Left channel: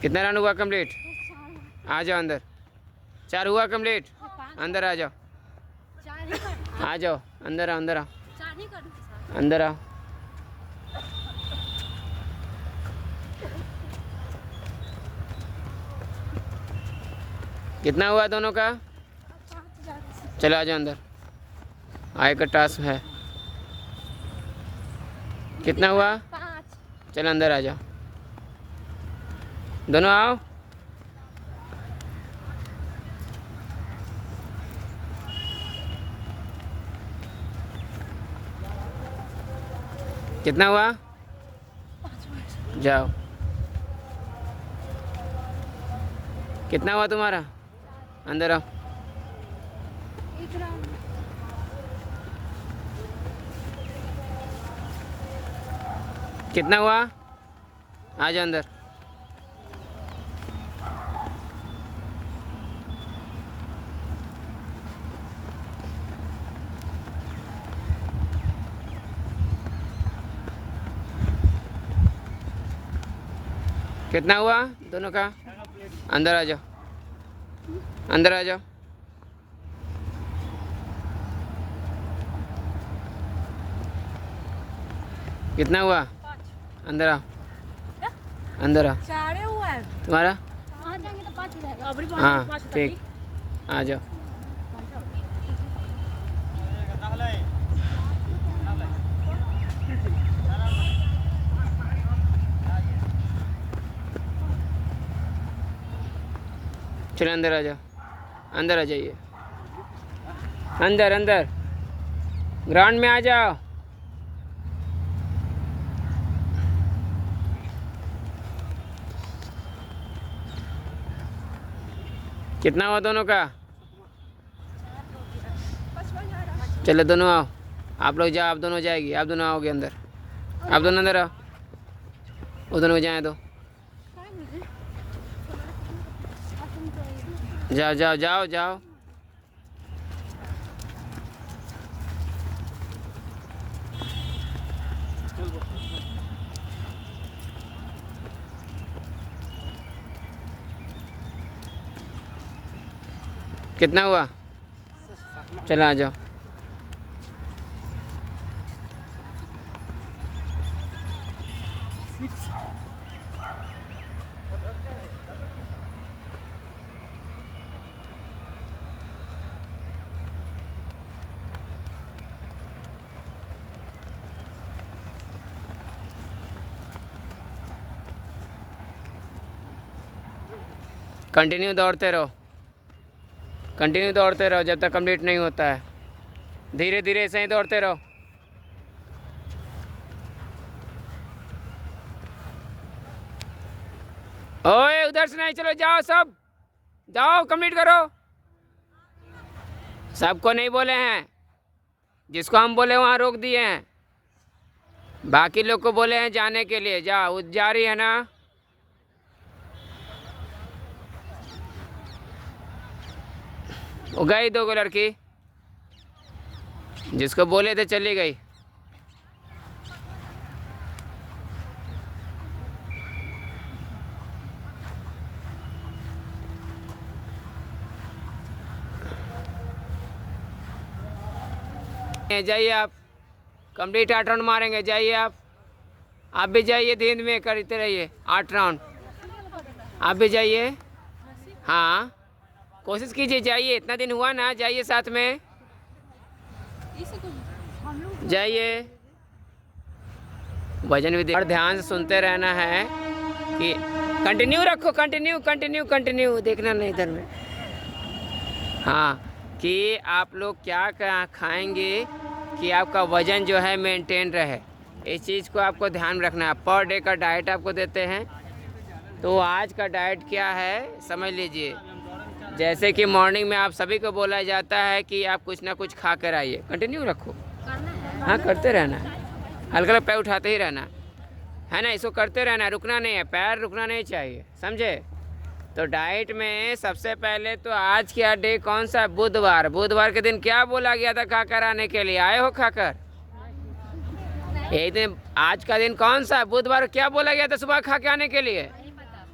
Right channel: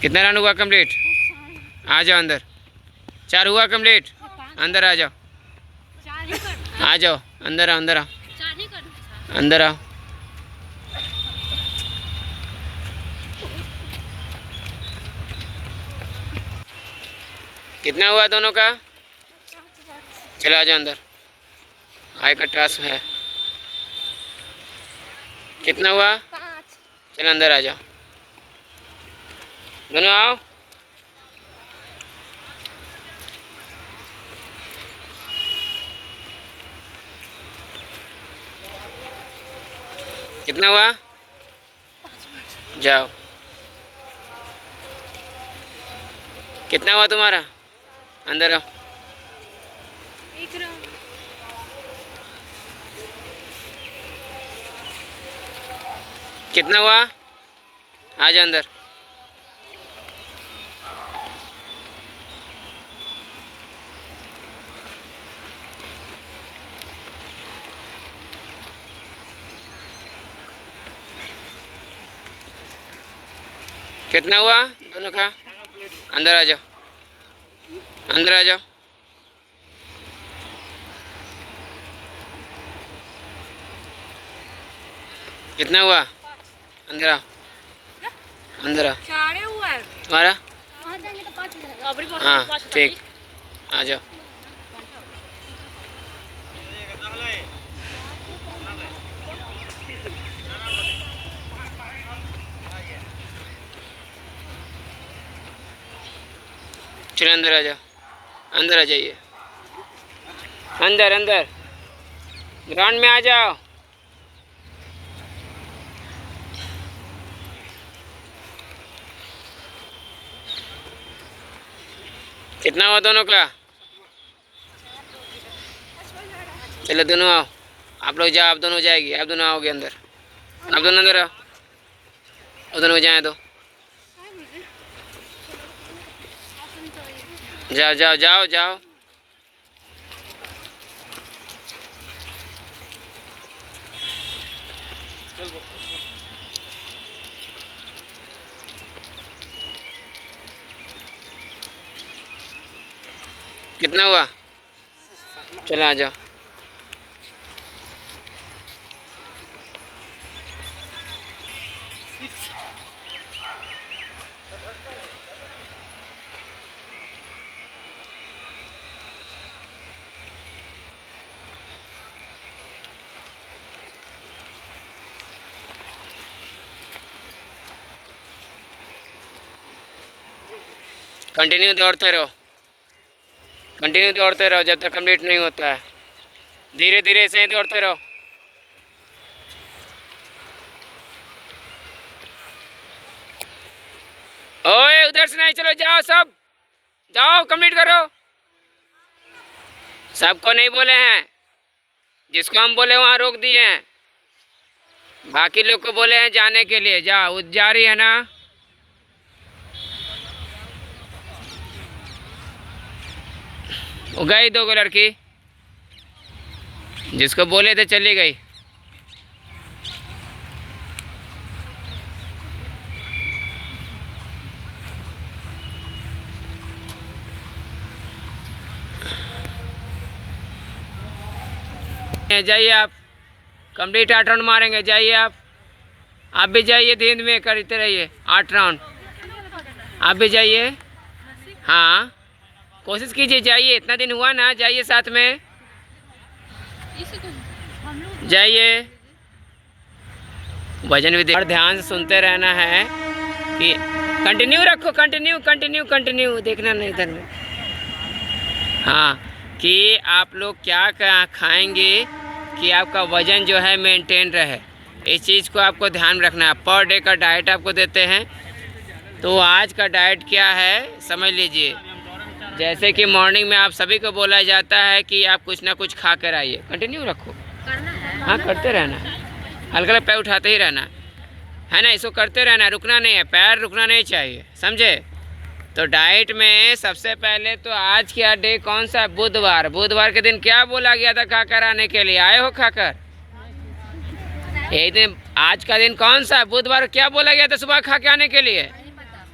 कितना राउंड हुआ कंप्लीट? आ जाओ अंदर। 4 हुआ कंप्लीट। अंदर आ जाओ, आ जाओ अंदर आओ, अंदर आओ, अंदर आओ। कितना हुआ दोनों का? चलो आ जाओ अंदर, आय का टास्क है। कितना हुआ? चलो अंदर आ जाओ, दोनों आओ। कितना हुआ? जाओ। कितना हुआ तुम्हारा? अंदर आओ। कितना हुआ? आ जाओ अंदर। कितना हुआ दोनों का? अंदर आ जाओ, अंदर आ जाओ। कितना हुआ? अंदर आओ, अंदर आओ। तुम्हारा? हाँ ठीक, आ जाओ। चलो अंदर आ जाओ, अंदर आ जाइए, अंदर अंदर ग्राउंड में आ जाओ। कितना हुआ दोनों का? चलो दोनों आओ, आप लोग जाओ, आप दोनों जाएगी, आप दोनों आओगे अंदर, आप दोनों अंदर आओ, वो दोनों जाए दो। जाओ जाओ जाओ जाओ। कितना हुआ? चलो आ जाओ। कंटिन्यू दौड़ते रहो, कंटिन्यू दौड़ते रहो जब तक कंप्लीट नहीं होता है। धीरे धीरे से ही दौड़ते रहो। ओए उधर से नहीं, चलो जाओ सब, जाओ कंप्लीट करो। सबको नहीं बोले हैं, जिसको हम बोले वहाँ रोक दिए हैं, बाकी लोग को बोले हैं जाने के लिए। जाओ, जा रही है ना? वो गई 2 लड़की, जिसको बोले थे चली गई। जाइए आप, कंप्लीट 8 राउंड मारेंगे। जाइए आप भी जाइए, धीरे में करते रहिए 8 राउंड। आप भी जाइए, हाँ कोशिश कीजिए, जाइए, इतना दिन हुआ ना, जाइए साथ में, जाइए। वजन भी और ध्यान से सुनते रहना है कि कंटिन्यू रखो, कंटिन्यू कंटिन्यू कंटिन्यू, देखना नहीं इधर में। हाँ, कि आप लोग क्या क्या खाएंगे कि आपका वज़न जो है मेंटेन रहे, इस चीज़ को आपको ध्यान रखना है। पर डे का डाइट आपको देते हैं, तो आज का डाइट क्या है समझ लीजिए। जैसे कि मॉर्निंग में आप सभी को बोला जाता है कि आप कुछ ना कुछ खा कर आइए। कंटिन्यू रखो, हाँ करते रहना, हल्का पैर उठाते ही रहना है ना, इसको करते रहना, रुकना नहीं है, पैर रुकना नहीं चाहिए, समझे? तो डाइट में सबसे पहले तो आज क्या डे कौन सा है? बुधवार। बुधवार के दिन क्या बोला गया था खाकर आने के लिए? आए हो खाकर? यही दिन, आज का दिन कौन सा है? बुधवार। क्या बोला गया था सुबह खा के आने के लिए?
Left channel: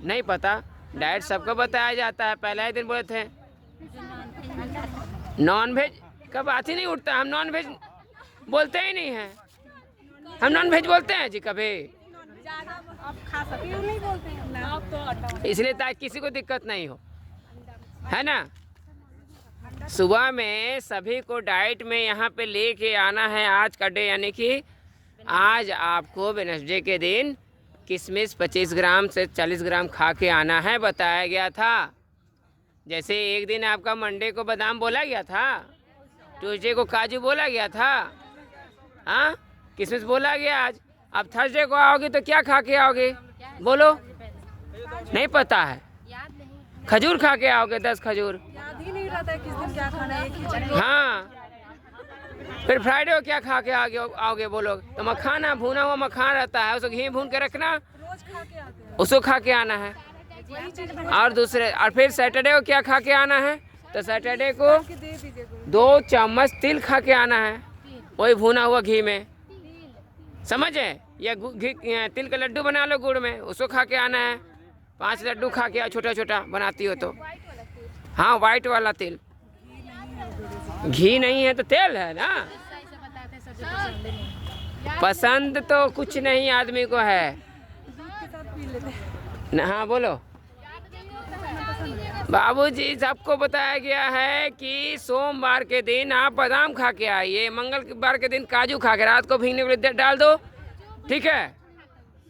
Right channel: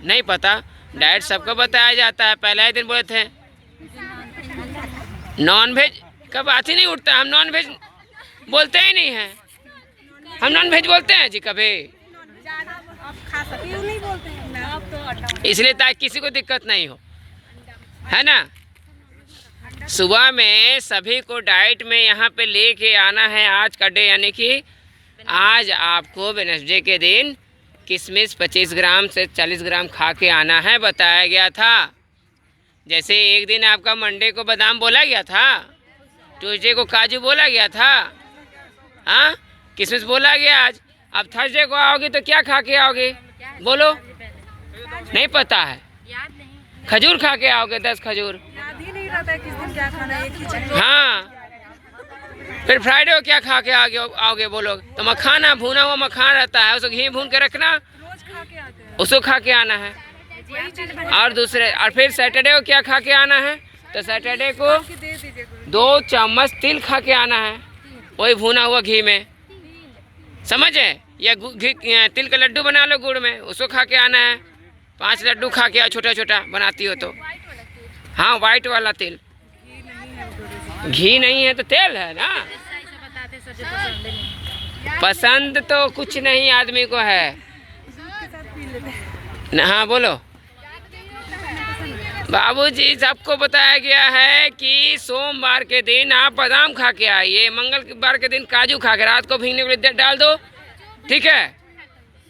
नहीं पता, डाइट सबको बताया जाता है। पहले ही दिन बोले थे नॉन वेज का बात ही नहीं उठता, हम नॉन वेज बोलते ही नहीं हैं, हम नॉन वेज बोलते हैं जी कभी, इसलिए ताकि किसी को दिक्कत नहीं हो, है ना। सुबह में सभी को डाइट में यहाँ पे लेके आना है आज का डे, यानी कि आज आपको वेडनेसडे के दिन किशमिश 25 ग्राम से 40 ग्राम खा के आना है, बताया गया था। जैसे एक दिन आपका मंडे को बादाम बोला गया था, ट्यूसडे को काजू बोला गया था, हाँ किशमिश बोला गया आज। अब थर्सडे को आओगे तो क्या खा के आओगे बोलो, नहीं पता है, खजूर खा के आओगे 10 खजूर, किस दिन क्या खाना है। हाँ फिर फ्राइडे को क्या खा के आओगे बोलो, तो मखाना भुना हुआ मखाना रहता है, उसको घी भून के रखना, उसको खा के आना है। और दूसरे और फिर सैटरडे को क्या खा के आना है, तो सैटरडे को 2 चम्मच तिल खा के आना है, वही भुना हुआ घी में, समझे, या तिल का लड्डू बना लो गुड़ में, उसको खा के आना है। 5 लड्डू खा के आओ, छोटा छोटा बनाती हो तो, हाँ वाइट वाला तिल, घी नहीं है तो तेल है ना। पसंद तो कुछ नहीं आदमी को है, हाँ बोलो। बाबूजी सबको बताया गया है कि सोमवार के दिन आप बादाम खा के आइए, मंगलवार के दिन काजू खा के रात को भीगने के लिए डाल दो, ठीक है,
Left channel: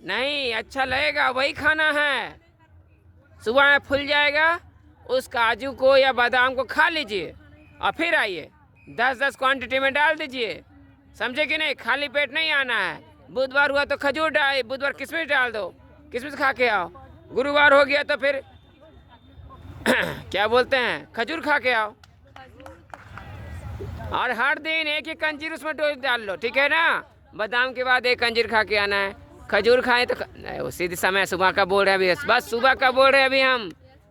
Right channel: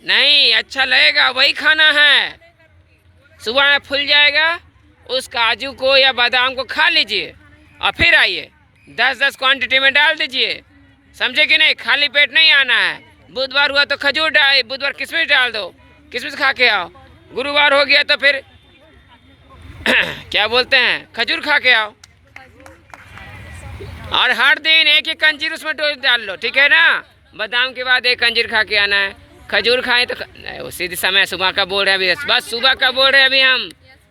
नहीं अच्छा लगेगा वही खाना है। सुबह में फूल जाएगा, उस काजू को या बादाम को खा लीजिए और फिर आइए, 10-10 क्वांटिटी में डाल दीजिए, समझे कि नहीं। खाली पेट नहीं आना है। बुधवार हुआ तो खजूर डाल, बुधवार किशमिश डाल दो, किशमिश खा के आओ। गुरुवार हो गया तो फिर क्या बोलते हैं, खजूर खा के आओ। और हर दिन एक एक अंजीर उसमें डोज डाल लो, ठीक है ना। बादाम के बाद एक अंजीर खा के आना है, खजूर खाएं तो उसी समय सुबह का बोल रहे हैं अभी, बस सुबह का बोल रहे हैं अभी हम,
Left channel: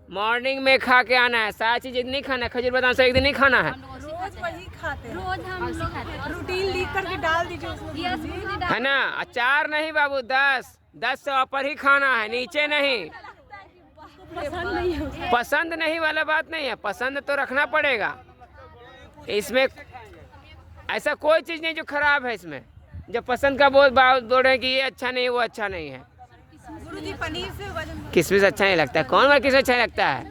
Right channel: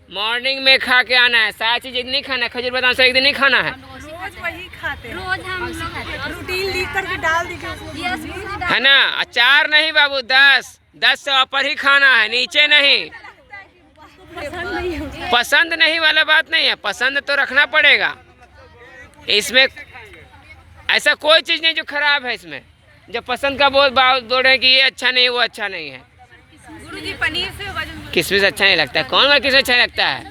मॉर्निंग में खा के आना है। सारी चीज़ एक नहीं खाना है, खजूर बादाम से एक दिन नहीं खाना है, रोज वही खाते हैं, रोज हम रूटीन लिख करके डाल दीजिए, है ना। अचार नहीं बाबू, 10 से ऊपर ही खाना है, नीचे नहीं। पसंद नहीं वाला बात नहीं है, पसंद तो रखना पड़ेगा। इसमें ऐसा कोई चीज़ नहीं जो खराब है इसमें, जब पसंद का बोल रहे हैं कि ये अच्छा नहीं वो अच्छा नहीं है। गुरुजी पनीर से किशमिश अच्छा नहीं लगता है, कौन बार किशमिश अच्छा लगता है,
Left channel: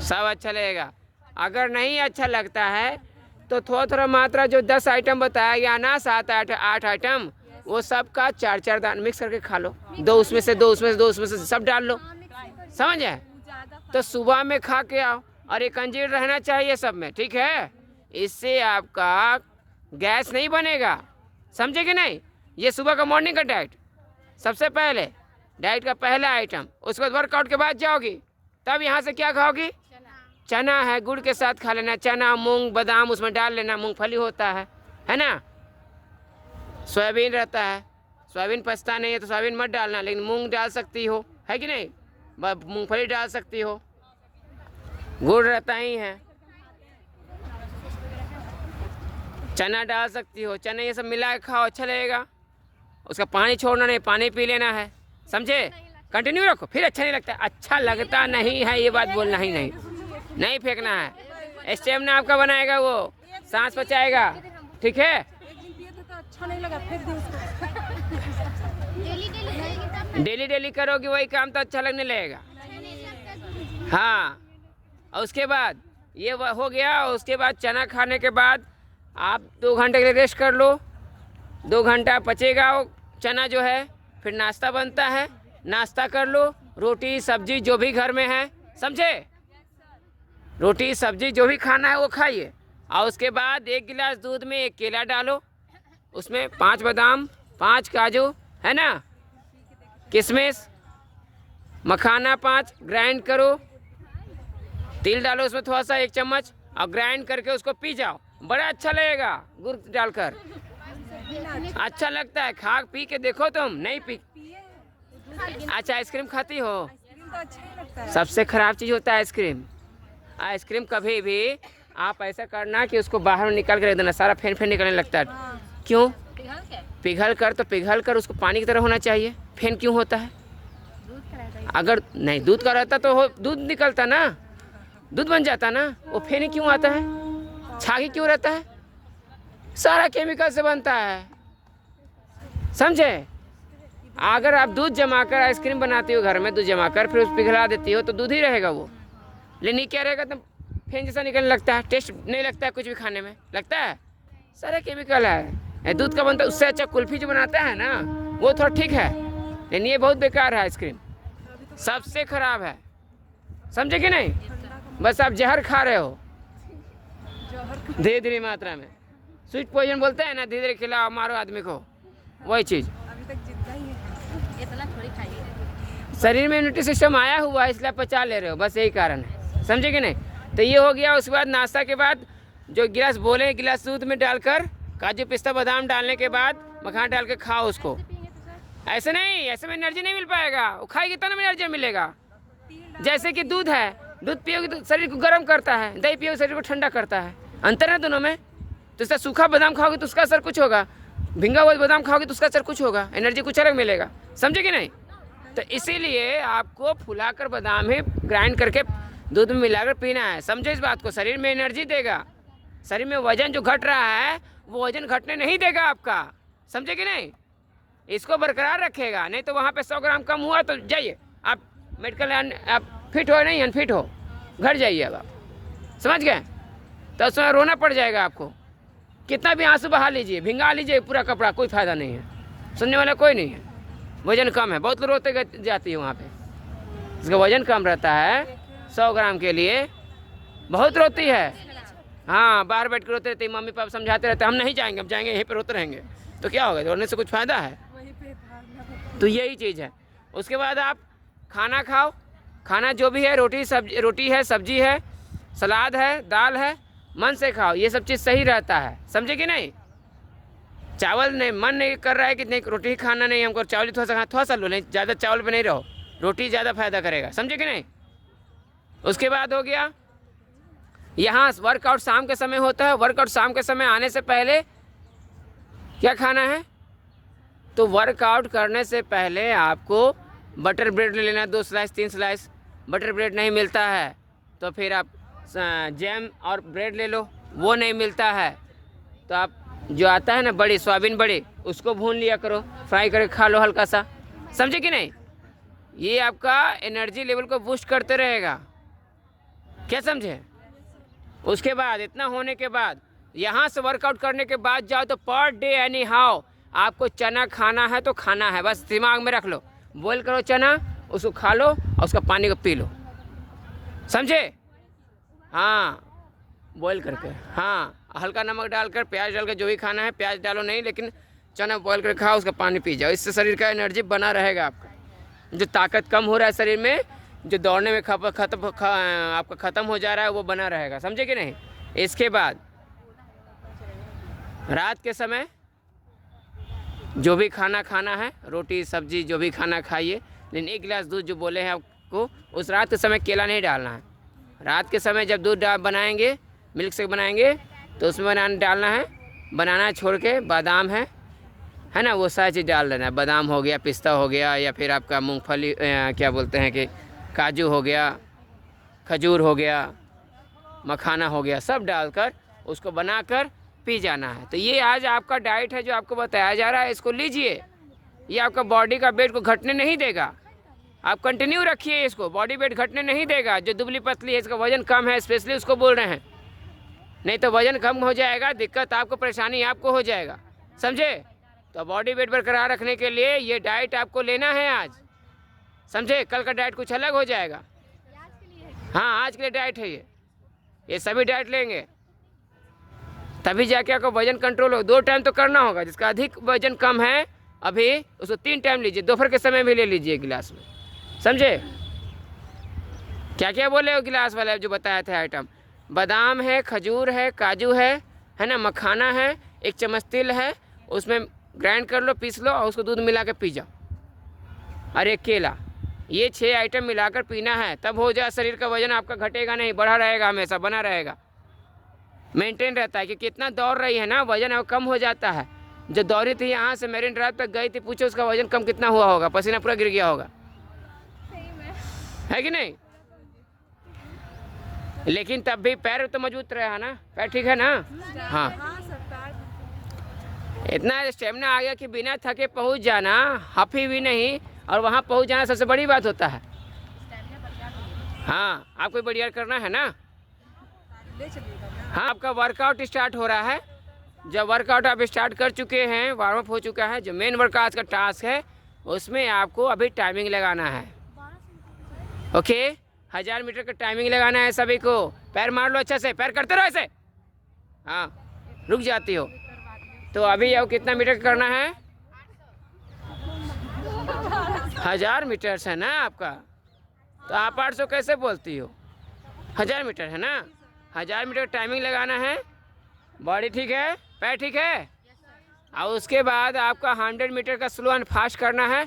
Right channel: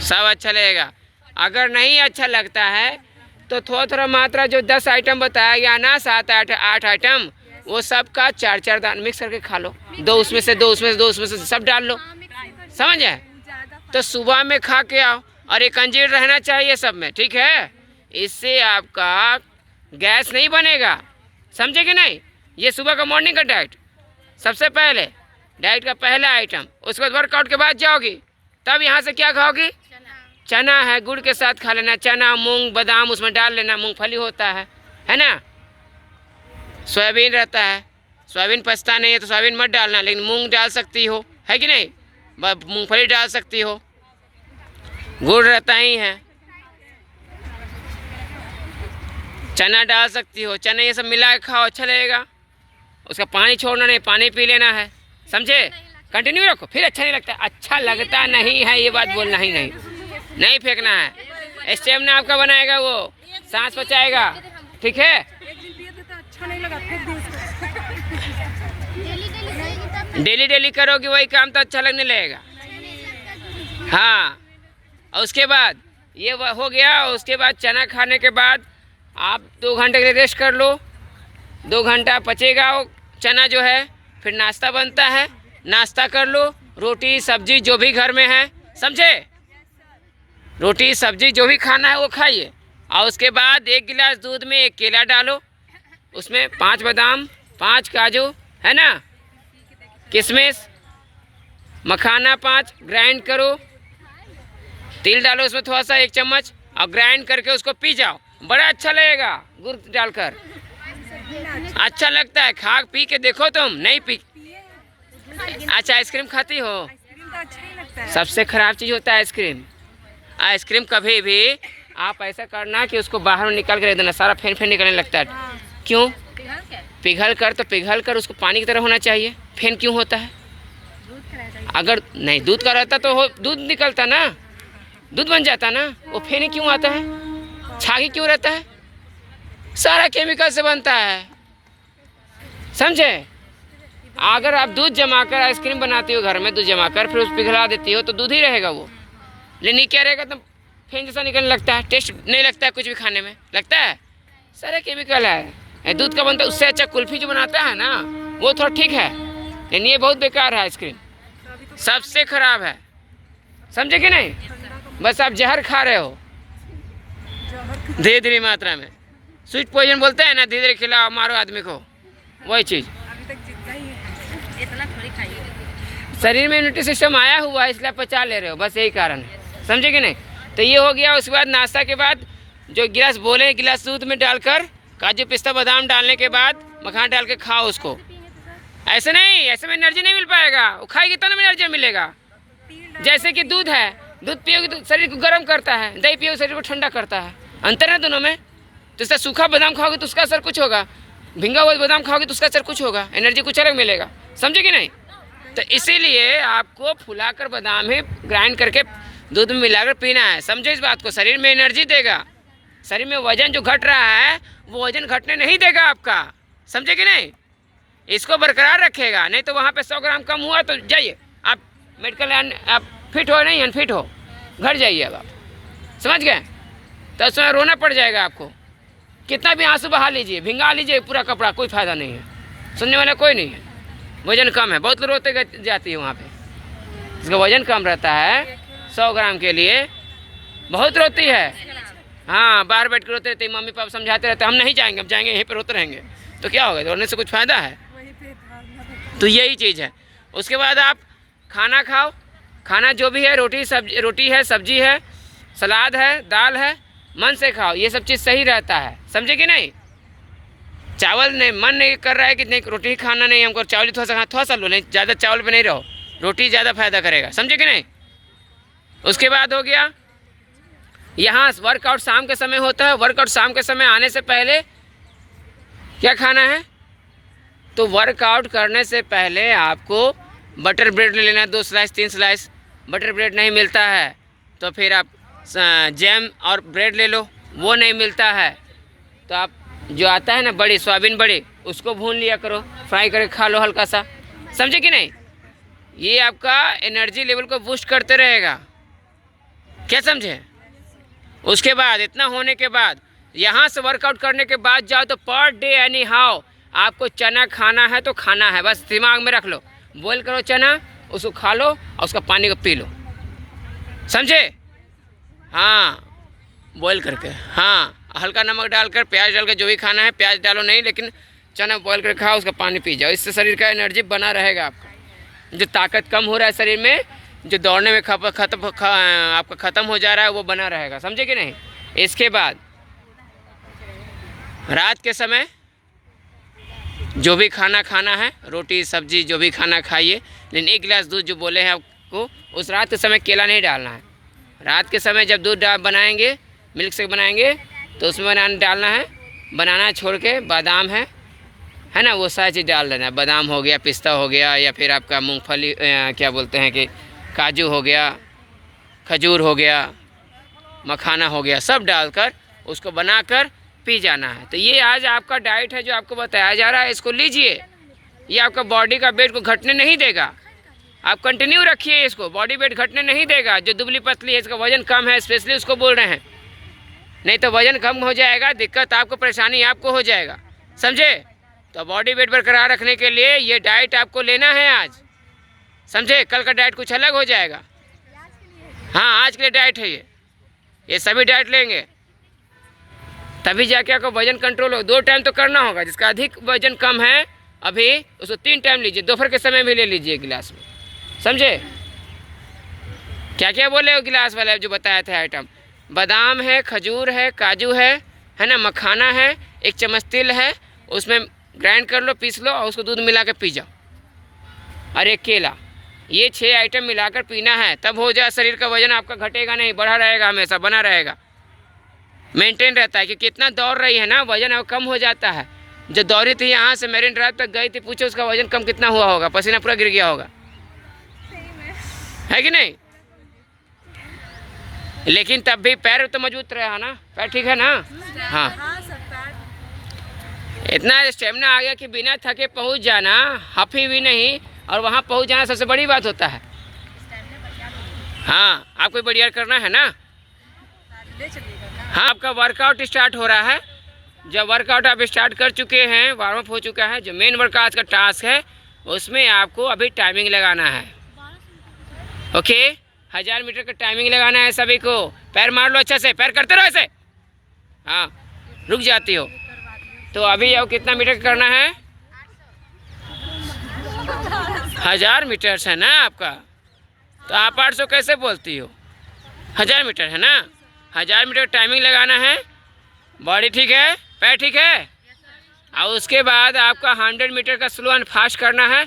सब अच्छा लगेगा। अगर नहीं अच्छा लगता है तो थोड़ा थोड़ा मात्रा जो 10 आइटम बताया गया ना, 7-8 आइटम, वो सब का 4-4 दाना मिक्स करके खा लो, 2 उसमें से 2 उसमें से 2 उसमें से सब डाल लो, समझे। तो सुबह में खा के आओ, और एक अंजीर रहना चाहिए सब में, ठीक है। इससे आपका गैस नहीं बनेगा, समझे कि नहीं। ये सुबह का मॉर्निंग का डाइट, सबसे पहले डाइट का पहला आइटम। उसके बाद वर्कआउट के बाद जाओगी, तब यहाँ से क्या खाओगी, चना है गुड़ के साथ खा लेना, चना मूंग बादाम उसमें डाल लेना, मूंगफली होता है ना। सोयाबीन रहता है, सोयाबीन पचता नहीं है तो सोयाबीन मत डालना, लेकिन मूंग डाल सकती हो, है कि नहीं, मूंगफली डाल सकती हो, गुड़ रहता ही है, चना डाल सकती हो, चना ये सब मिला के खाओ, अच्छा लगेगा। उसका पानी छोड़ना नहीं, पानी पी लेना है, समझे। कंटिन्यू रखो, फिर अच्छा नहीं लगता, अच्छा लगता नहीं है ये बात बोलना ही नहीं फेंकना है। स्टेमिना आपका बनाएगा, वो सांस बचाएगा, ठीक है। डेली करोगे वही काम तो अच्छा लगने लगेगा, हाँ। और उसके बाद ये हो गया, उसके बाद चना खाने के बाद आप 2 घंटे के लिए रेस्ट कर लो, 2 घंटा पचेगा वो चना जो है, फिर नाश्ता बनता है, नाश्ता कर लो, रोटी सब्जी जो भी घर में है, समझे, रोटी सब्जी जो भी खाना है वो खाइए। और उसके बाद 1 गिलास दूध में 1 केला डालो, उसमें 5 बादाम 5 काजू, है ना, किशमिश मखाना 5 ग्राइंड करो, तिल डालो उसमें थोड़ा सा 1 चम्मच, और ग्राइंड करके उसको पी जाओ, बड़ा अच्छा लगेगा गुड़ डालकर, अच्छा लगता है। खा पी के देखो, तुम नहीं पी। अच्छा आइसक्रीम खाती हो, सबसे खराब चीज़ होता है आइसक्रीम। आइसक्रीम कभी भी आप ऐसा करना कि उसको बाहर निकाल कर रख देना, सारा फेन निकलने लगता है। क्यों, पिघल कर उसको पानी की तरह होना चाहिए, फेन क्यों होता है, अगर नहीं दूध का रहता तो दूध निकलता ना, दूध बन जाता ना। वो फेनी क्यों आता है, छागी क्यों रहता है, सारा केमिकल से बनता है, समझे। अगर आप दूध जमा कर आइसक्रीम बनाती हो घर में, दूध जमा कर फिर उस पिघला देती हो तो दूध ही रहेगा वो, लेकिन ये क्या रहेगा तो फेन जैसा निकलने लगता है, टेस्ट नहीं लगता है कुछ भी खाने में, लगता है सारा केमिकल है। दूध का बनता है, उससे अच्छा कुल्फी जो बनाता है ना वो थोड़ा ठीक है, लेकिन ये बहुत बेकार है आइसक्रीम, सबसे खराब है, समझे कि नहीं। बस आप जहर खा रहे हो धीरे धीरे मात्रा में, स्वीट पॉइजन बोलते हैं ना, धीरे धीरे खिलाओ मारो आदमी को, वही चीज़। इतना थोड़ी खाइए। शरीर में इम्यूनिटी सिस्टम आया हुआ है इसलिए पचा ले रहे हो, बस यही कारण है, समझे कि नहीं। तो ये हो गया। उसके बाद नाश्ता के बाद जो गिलास बोले, गिलास दूध में डालकर काजू पिस्ता बादाम डालने के बाद मखाना डाल के खाओ उसको। ऐसे नहीं, ऐसे में एनर्जी नहीं मिल पाएगा, वो खाएगी तब ना एनर्जी मिलेगा। जैसे कि दूध है, दूध पियोगे तो शरीर को गर्म करता है, दही पियोगे शरीर को ठंडा करता है, अंतर है दोनों में। तो इसका सूखा बादाम खाओगे तो उसका असर कुछ होगा, भिंगा हुआ बादाम खाओगे तो उसका असर कुछ होगा, एनर्जी कुछ अलग मिलेगा, समझे कि नहीं। तो इसीलिए आपको फुलाकर बादाम ही ग्राइंड करके दूध में मिलाकर पीना है, समझो इस बात को। शरीर में एनर्जी देगा, शरीर में वजन जो घट रहा है वो वजन घटने नहीं देगा आपका, समझे कि नहीं। इसको बरकरार रखेगा, नहीं तो वहाँ पे 100 ग्राम कम हुआ तो जाइए आप मेडिकल, आप फिट हो नहीं अनफिट हो, घर जाइए अब आप, समझ गए। तो उसमें रोना पड़ जाएगा आपको, कितना भी आंसू बहा लीजिए, भिंगा लीजिए पूरा कपड़ा, कोई फ़ायदा नहीं है, सुनने वाला कोई नहीं है। वजन कम है, बहुत लोग रोते जाती है वहाँ पे, इसका वजन कम रहता है, 100 ग्राम के लिए बहुत रोती है। हाँ, बाहर बैठ कर रोते रहते, मम्मी पापा समझाते रहते, हम नहीं जाएंगे, हम जाएंगे यहीं पर रोते रहेंगे, तो क्या होगा, रोने से कुछ फ़ायदा है। तो यही चीज़ है। उसके बाद आप खाना खाओ, खाना जो भी है, रोटी है, सब्जी है, सलाद है, दाल है, मन से खाओ, ये सब चीज़ सही रहता है, समझे कि नहीं। चावल नहीं, मन नहीं कर रहा है कि नहीं रोटी ही खाना नहीं हमको, चावल थोड़ा सा लो, नहीं ज़्यादा चावल पे नहीं रहो, रोटी ज़्यादा फायदा करेगा, समझे कि नहीं। उसके बाद हो गया यहाँ वर्कआउट शाम के समय होता है, वर्कआउट शाम के समय आने से पहले क्या खाना है, तो वर्कआउट करने से पहले आपको बटर ब्रेड ले लेना, 2 स्लाइस 3 स्लाइस। बटर ब्रेड नहीं मिलता है तो फिर आप जैम और ब्रेड ले लो, वो नहीं मिलता है तो आप जो आता है ना बड़ी सोयाबीन बड़ी, उसको भून लिया करो, फ्राई करके खा लो हल्का सा, समझे कि नहीं। ये आपका एनर्जी लेवल को बूस्ट करते रहेगा, क्या समझे। उसके बाद इतना होने के बाद यहाँ से वर्कआउट करने के बाद जाओ तो पर डे एनी हाउ आपको चना खाना है तो खाना है, बस दिमाग में रख लो, बॉईल करो चना, उसको खा लो और उसका पानी को पी लो, समझे। हाँ, बॉईल करके, हाँ हल्का नमक डालकर, प्याज डालकर, जो भी खाना है, प्याज डालो नहीं, लेकिन चना बॉईल करके खाओ, उसका पानी पी जाओ, इससे शरीर का एनर्जी बना रहेगा आपका। जो ताकत कम हो रहा है शरीर में, जो दौड़ने में आपका ख़त्म हो जा रहा है, वो बना रहेगा, समझे कि नहीं। इसके बाद रात के समय जो भी खाना खाना है, रोटी सब्जी जो भी खाना खाइए, लेकिन 1 गिलास दूध जो बोले हैं आपको, उस रात के समय केला नहीं डालना है। रात के समय जब दूध बनाएंगे, मिल्क शेक बनाएंगे, तो उसमें डालना है बनाना छोड़ के बादाम है ना, वो सारी चीज़ डाल देना है। बादाम हो गया, पिस्ता हो गया, या फिर आपका मूंगफली क्या बोलते हैं कि काजू हो गया, खजूर हो गया, मखाना हो गया, सब डालकर उसको बनाकर पी जाना है। तो ये आज आपका डाइट है जो आपको बताया जा रहा है, इसको लीजिए, ये आपका बॉडी का वेट को घटने नहीं देगा। आप कंटिन्यू रखिए इसको, बॉडी वेट घटने नहीं देगा। जो दुबली पतली है, इसका वजन कम है, स्पेशली उसको बोल रहे हैं, नहीं तो वजन कम हो जाएगा, दिक्कत आपको, परेशानी आपको हो जाएगा, समझे। तो बॉडी वेट बरकरार रखने के लिए ये डाइट आपको लेना है आज, समझे। कल का डाइट कुछ अलग हो जाएगा। हाँ, आज के लिए डाइट है ये सभी डाइट लेंगे तभी जाके आपका वजन कंट्रोल हो। 2 टाइम तो करना होगा, जिसका अधिक वजन कम है अभी उसको 3 टाइम लीजिए, दोपहर के समय भी ले लीजिए गिलास में, समझे। क्या क्या बोले वो गिलास वाला जो बताया था आइटम, बादाम है, खजूर है, काजू है ना, मखाना है, 1 चम्मच तिल है, उसमें ग्राइंड कर लो, पीस लो और उसको दूध मिला के पी जाओ, और 1 केला। ये 6 आइटम मिलाकर पीना है, तब हो जाए शरीर का वजन आपका घटेगा नहीं, बढ़ा रहेगा, हमेशा बना रहेगा, मेंटेन रहता है। कि कितना दौड़ रही है ना, वजन अब कम हो जाता है। जो दौड़ी थी यहाँ से मेरीन ड्राइव तक गई थी, पूछो उसका वजन कम कितना हुआ होगा, पसीना पूरा गिर गया होगा, है कि नहीं? लेकिन तब भी पैर तो मजबूत रहा ना, पैर ठीक है ना? हाँ, इतना स्टेमिना आ गया कि बिना थके पहुंच जाना, हफी भी नहीं, और वहां पहुंच जाना सबसे बड़ी बात होता है। हाँ, आपको बढ़िया करना है ना? हाँ, आपका वर्कआउट स्टार्ट हो रहा है। जब वर्कआउट आप स्टार्ट कर चुके हैं, वार्म अप हो चुका है, जो मेन वर्क आज का टास्क है उसमें आपको अभी टाइमिंग लगाना है। ओके, 1000 मीटर का टाइमिंग लगाना है सभी को। पैर मार लो अच्छा से, पैर करते रहो ऐसे। हाँ, रुक जाती हो तो अभी आओ, कितना मीटर करना है? 1000 मीटर है ना आपका, तो आप 800 कैसे बोलती हो? 1000 मीटर है ना, 1000 मीटर टाइमिंग लगाना है। बॉडी ठीक है, पैर ठीक है, और उसके बाद आपका 100 मीटर का स्लो एंड फास्ट करना है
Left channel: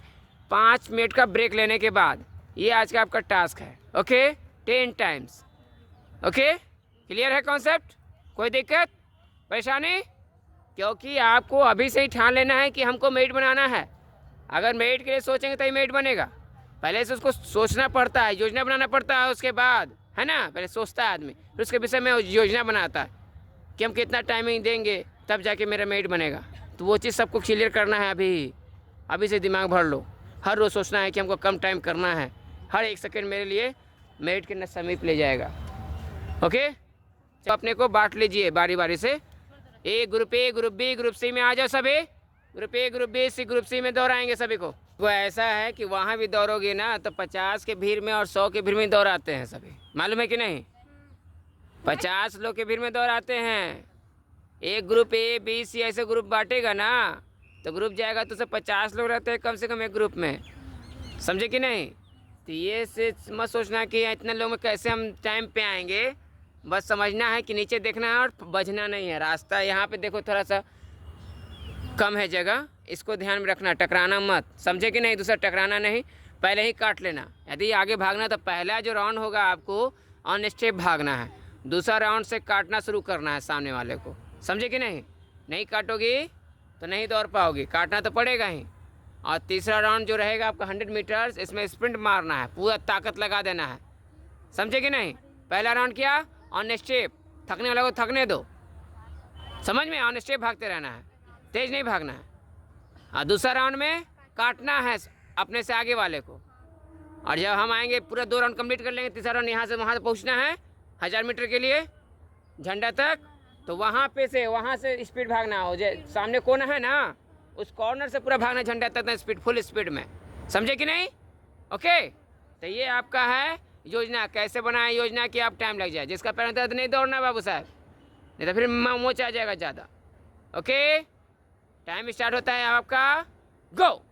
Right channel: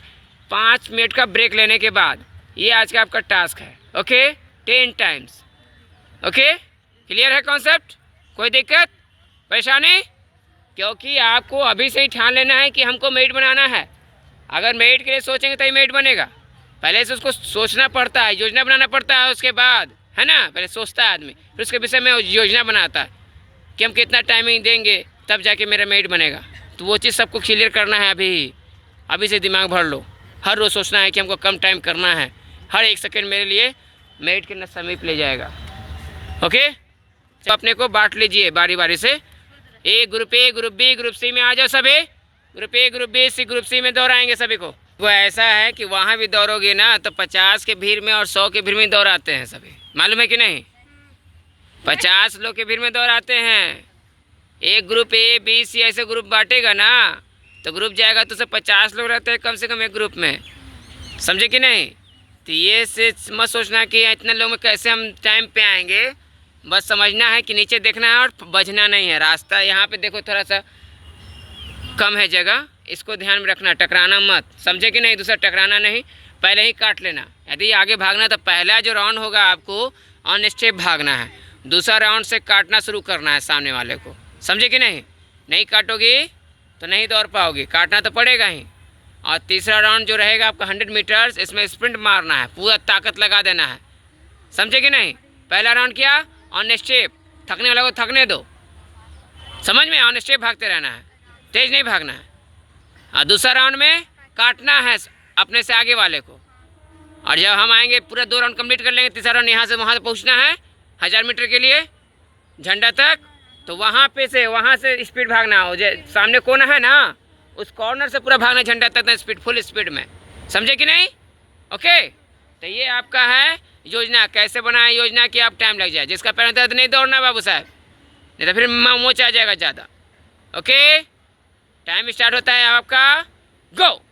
5 मिनट का ब्रेक लेने के बाद। ये आज का आपका टास्क है। Okay, 10 times. ओके, क्लियर है कॉन्सेप्ट? कोई दिक्कत परेशानी? क्योंकि आपको अभी से ही ठान लेना है कि हमको मेट बनाना है। अगर मेट के लिए सोचेंगे तो ही मेट बनेगा। पहले से उसको सोचना पड़ता है, योजना बनाना पड़ता है, उसके बाद है ना, पहले सोचता है आदमी, फिर उसके विषय में योजना बनाता है कि हम कितना टाइमिंग देंगे, तब जाके मेरा मेट बनेगा। तो वो चीज़ सबको क्लियर करना है। अभी से दिमाग भर लो। हर रोज़ सोचना है कि हमको कम टाइम करना है। हर एक सेकेंड मेरे लिए मेट के समीप ले जाएगा। ओके, तो अपने को बांट लीजिए बारी बारी से। Group A, group B, group C में आ जाओ सभी। Group A, group B, C, group C में दौड़ाएंगे सभी को। वो ऐसा है कि वहाँ भी दौड़ोगे ना तो 50 के भीड़ में और 100 के भीड़ में दौड़ाते हैं सभी, मालूम है कि नहीं? 50 लोग के भीड़ में दौड़ाते हैं। एक ग्रुप ए, बी, सी ऐसे ग्रुप बांटेगा ना तो ग्रुप जाएगा तो सब 50 लोग रहते हैं कम से कम एक ग्रुप में, समझे कि नहीं? तो ये से मत सोचना कि इतने लोग में कैसे हम टाइम पे आएंगे। बस समझना है कि नीचे देखना है और बचना नहीं है। रास्ता यहाँ पे देखो थोड़ा सा कम है जगह, इसको ध्यान में रखना, टकराना मत, समझे कि नहीं? दूसरा टकराना नहीं, पहले ही काट लेना। यदि आगे भागना तो पहला जो राउंड होगा आपको ऑन स्टेप भागना है, दूसरा राउंड से काटना शुरू करना है सामने वाले को, समझे कि नहीं? नहीं काटोगी तो नहीं दौड़ पाओगी, काटना तो पड़ेगा ही। और तीसरा राउंड जो रहेगा आपका 100 मीटर्स, इसमें स्प्रिंट मारना है, पूरा ताकत लगा देना है, समझे कि नहीं? पहला राउंड क्या? ऑन स्टेप, थकने वाले को थकने दो, समझ में? ऑन स्टेप भागते रहना है, तेज नहीं भागना है। और दूसरा राउंड में काटना है अपने से आगे वाले को। और जब हम आएंगे पूरा 2 राउंड कंप्लीट कर लेंगे, तीसरा राउंड यहाँ से वहाँ से पहुँचना है 1000 मीटर के लिए झंडा तक, तो वहाँ से स्पीड भागना हो। जो सामने कोना है ना, उस कॉर्नर से पूरा भागना झंडा तक ना, स्पीड, फुल स्पीड में, समझे कि नहीं? ओके, तो ये आपका है योजना। कैसे बनाए योजना कि आप टाइम लग जाए। जिसका पैर होता है तो नहीं दौड़ना बाबू साहब, नहीं तो फिर मोच आ जाएगा ज़्यादा। ओके, टाइम स्टार्ट होता है आपका, गो।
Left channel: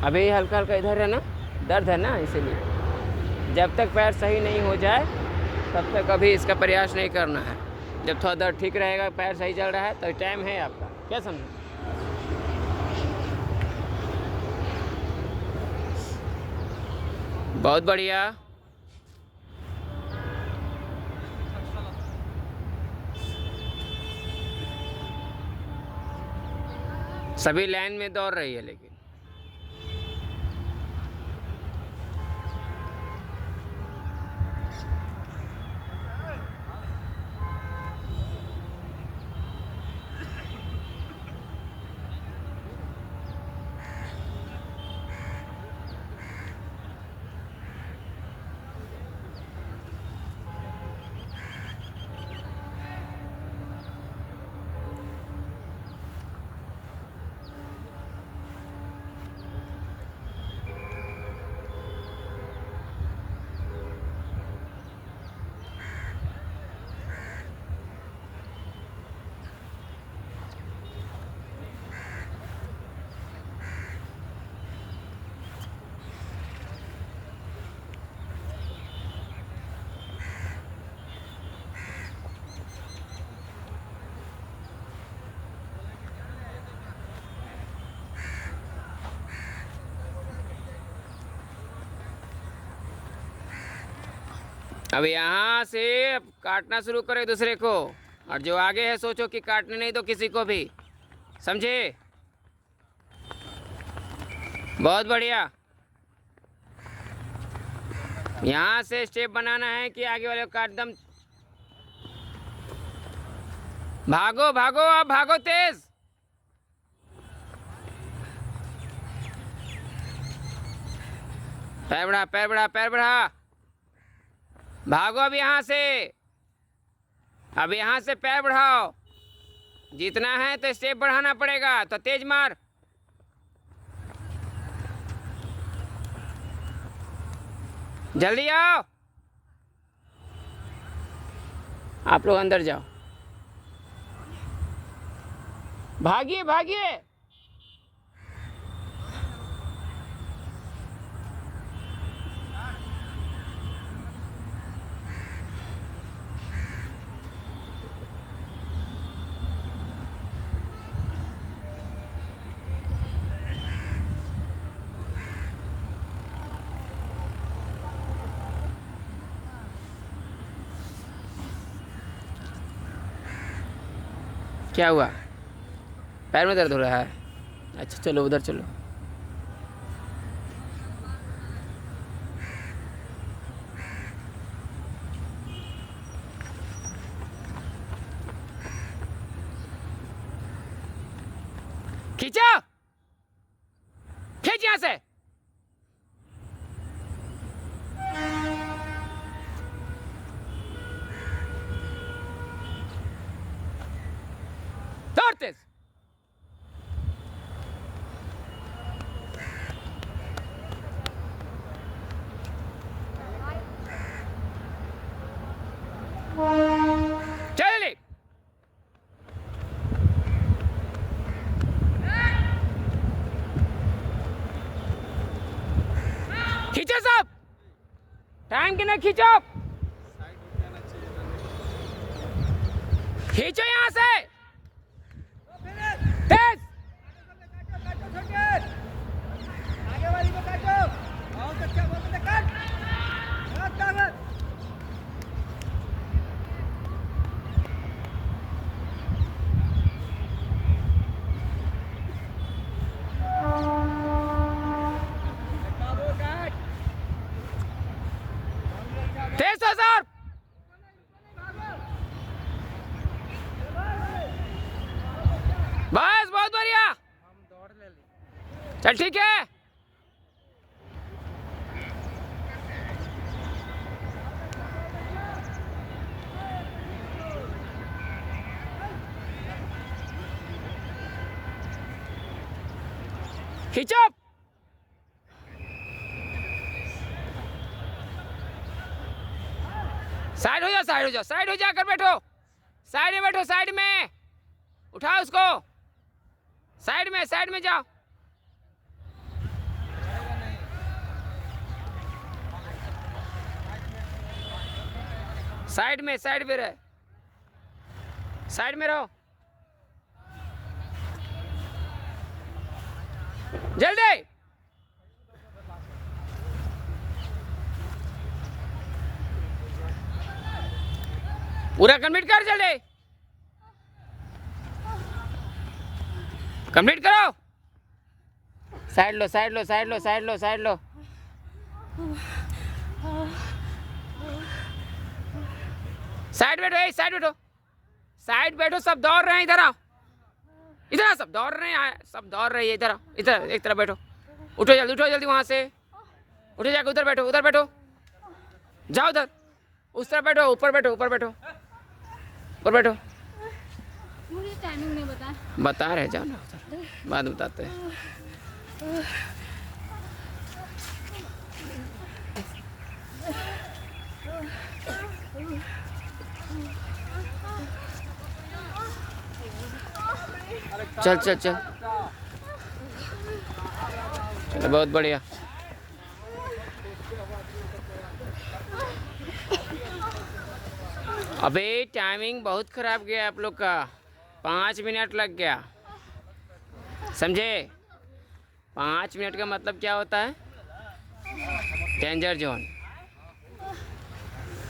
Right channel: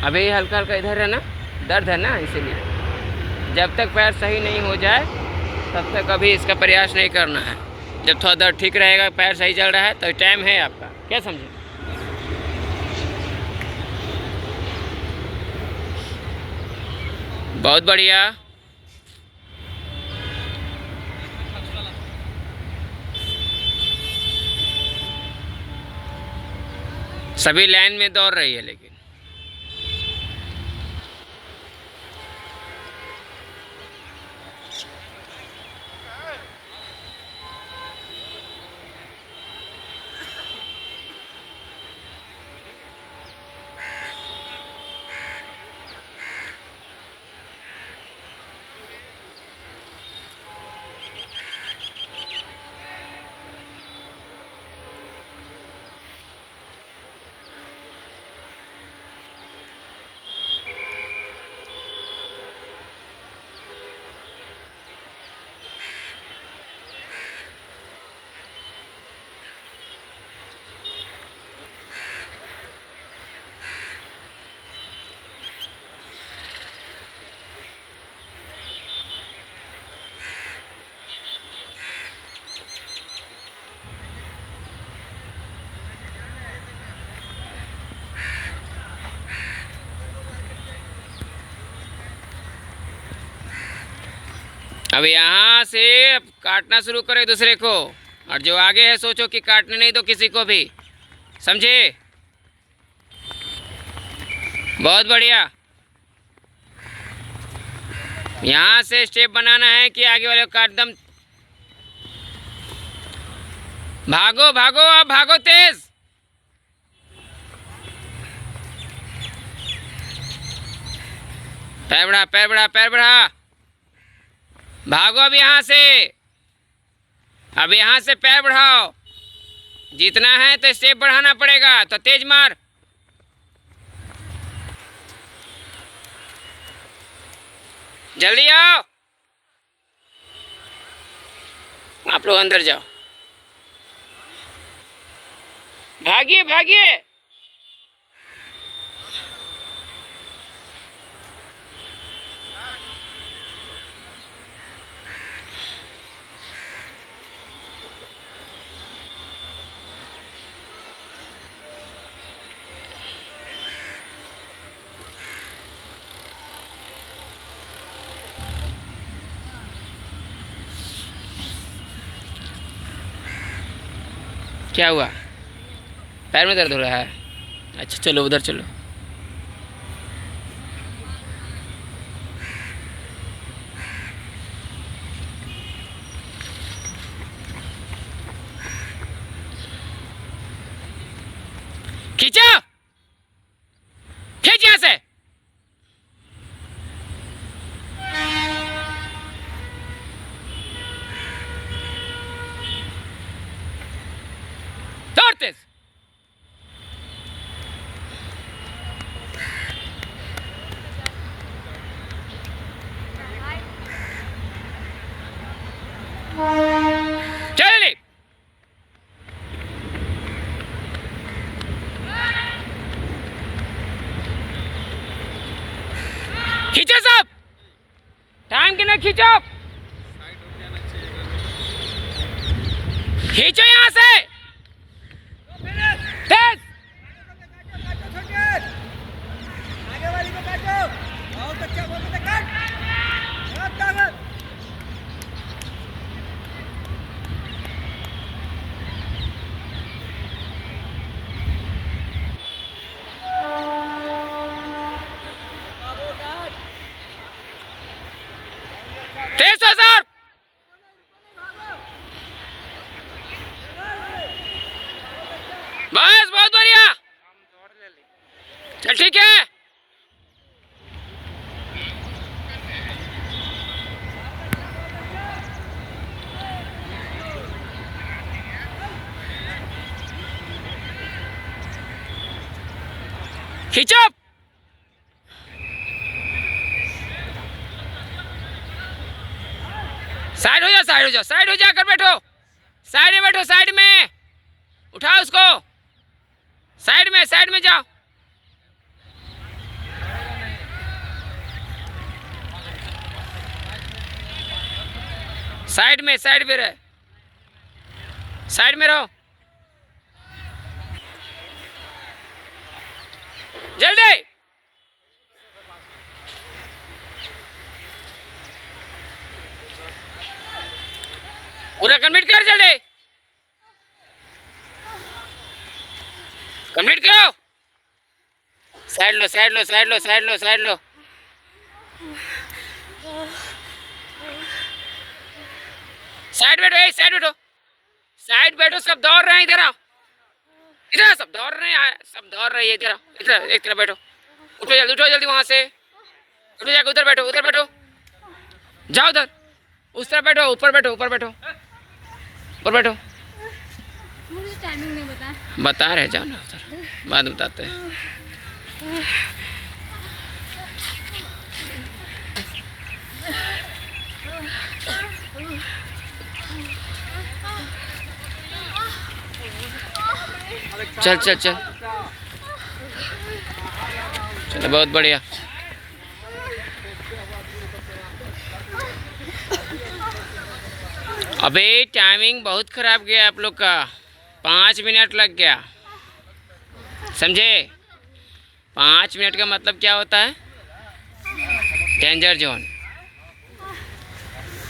अभी हल्का हल्का इधर है ना, दर्द है ना, इसीलिए जब तक पैर सही नहीं हो जाए तब तक अभी इसका प्रयास नहीं करना है। जब थोड़ा दर्द ठीक रहेगा, पैर सही चल रहा है तो टाइम है आपका, क्या समझे? बहुत बढ़िया। सभी लाइन में दौड़ रही है लेकिन अब यहाँ से अब काटना शुरू करो एक दूसरे को, और जो आगे है सोचो कि काटने नहीं दो किसी को भी, समझे? बहुत बढ़िया। यहाँ से स्टेप बनाना है कि आगे वाले को काट दम। भागो भागो, अब भागो तेज। पैर बढ़ा, पैर बढ़ा, पैर बढ़ा। भागो अब यहाँ से। अब यहाँ से पैर बढ़ाओ। जीतना है तो स्टेप बढ़ाना पड़ेगा, तो तेज मार। जल्दी आओ, आप लोग अंदर जाओ। भागिए भागिए। क्या हुआ? पैर में दर्द हो रहा है? अच्छा चलो उधर चलो। खींचो, खींच यहाँ से। दौड़ तेज। चल खींचो सब, टाइम के ना खींचो। खींचो यहाँ से तेज। तेज हो सर। बस बहुत बढ़िया। चल ठीक है। खींचो। साइड हो जाओ, साइड हो जाओ, साइड हो जाकर बैठो। साइड में बैठो, साइड में उठाओ उसको। साइड में जाओ। साइड में रहे, साइड में रहो। जल्दी। पूरा कंप्लीट कर, जल्दी कंप्लीट करो। साइड लो, साइड लो, साइड लो, साइड लो, साइड लो। साइड बैठो, साइड बैठो, साइड बैठो। सब दौड़ रहे हैं, इधर आओ। इधर सब दौड़ रहे हैं, सब दौड़ रही है। इधर आओ, इधर एक तरफ बैठो। उठो जल्दी वहां से। उठो जाकर उधर बैठो, उधर बैठो। जाओ उधर, उस तरफ बैठो। ऊपर बैठो, ऊपर बैठो, ऊपर बैठो। मुझे टाइमिंग नहीं बता। बता रहे, जाओ ना उधर, बाद में बताते हैं। चल चल चल, चलो बहुत बढ़िया। अबे टाइमिंग बहुत खराब गया आप लोग का, 5 मिनट लग गया, समझे? 5 मिनट का मतलब क्या होता है? Danger zone.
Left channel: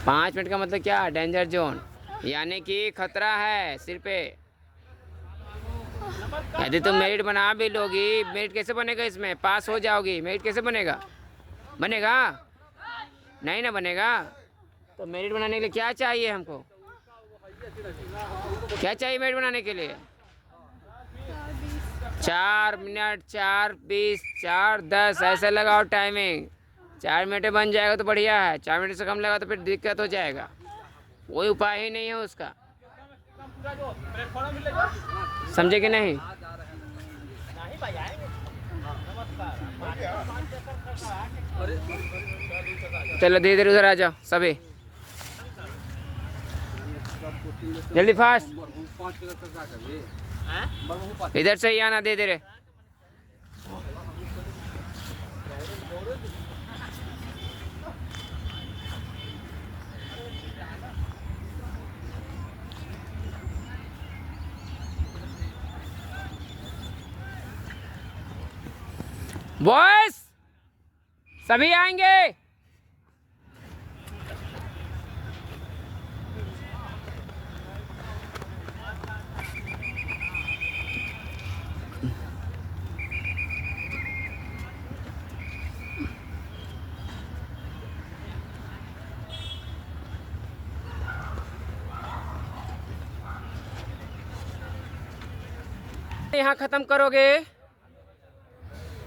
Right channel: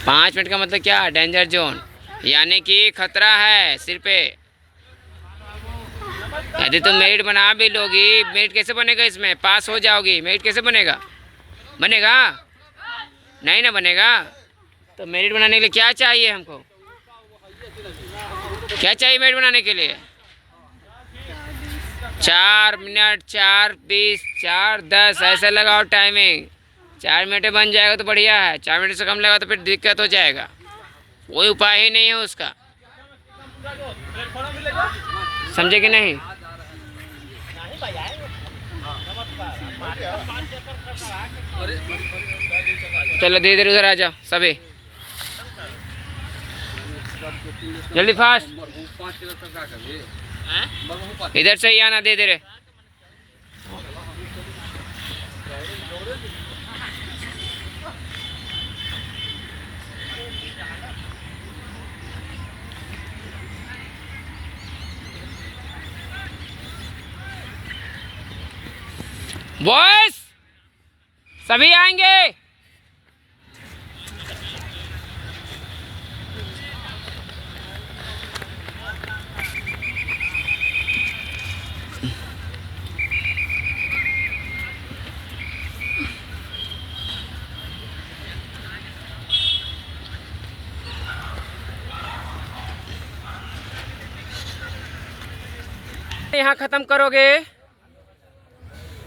5 मिनट का मतलब क्या? डेंजर जोन, यानी कि खतरा है सिर पे। यदि तुम मेरिट बना भी लोगी, मेरिट कैसे बनेगा? इसमें पास हो जाओगी, मेरिट कैसे बनेगा? बनेगा नहीं ना बनेगा। तो मेरिट बनाने के लिए क्या चाहिए हमको? क्या चाहिए मेरिट बनाने के लिए? 4 मिनट, 4:20, 4:10 ऐसे लगाओ टाइमिंग। 4 मिनट में बन जाएगा तो बढ़िया है, 4 मिनट से कम लगा तो फिर दिक्कत हो जाएगा। कोई उपाय ही नहीं है उसका, समझे कि नहीं? चलो धीरे धीरे उधर आ जाओ सभी, जल्दी फास्ट। इधर से ही आना धीरे धीरे। बॉयस सभी आएंगे। यहाँ खत्म करोगे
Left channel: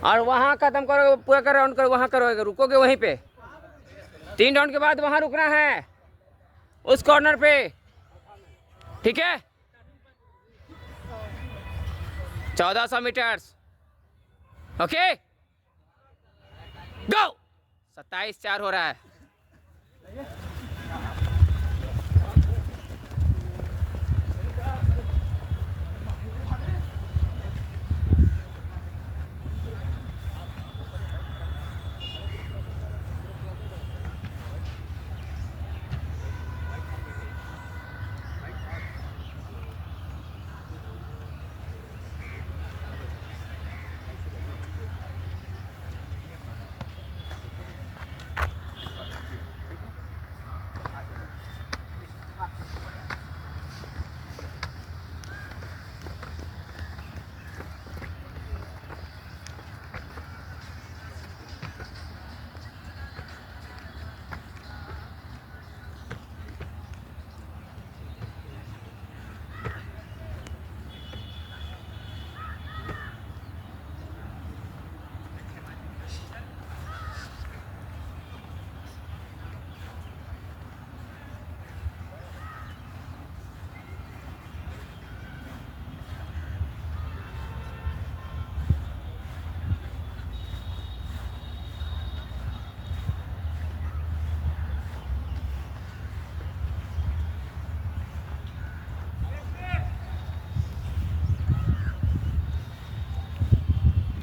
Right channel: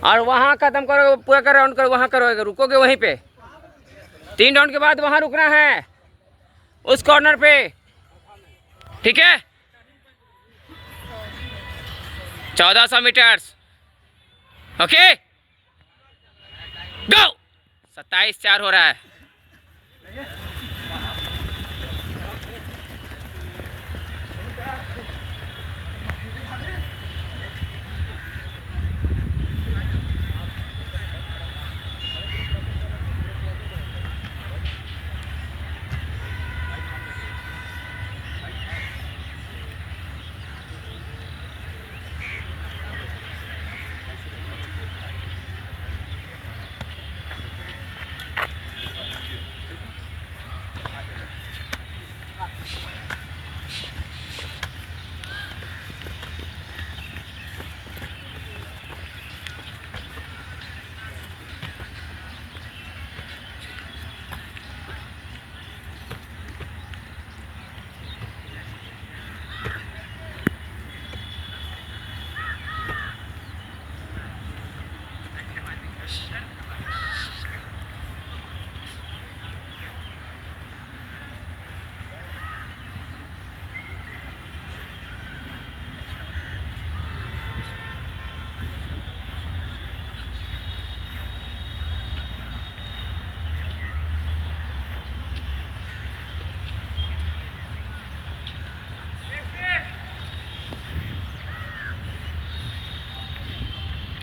और वहाँ खत्म करोगे, पूरा का राउंड करो, वहाँ करोगे, रुकोगे वहीं पे। 3 राउंड के बाद वहाँ रुकना है उस कॉर्नर पे, ठीक है? 1400 मीटर्स, ओके गो। 27:4 हो रहा है।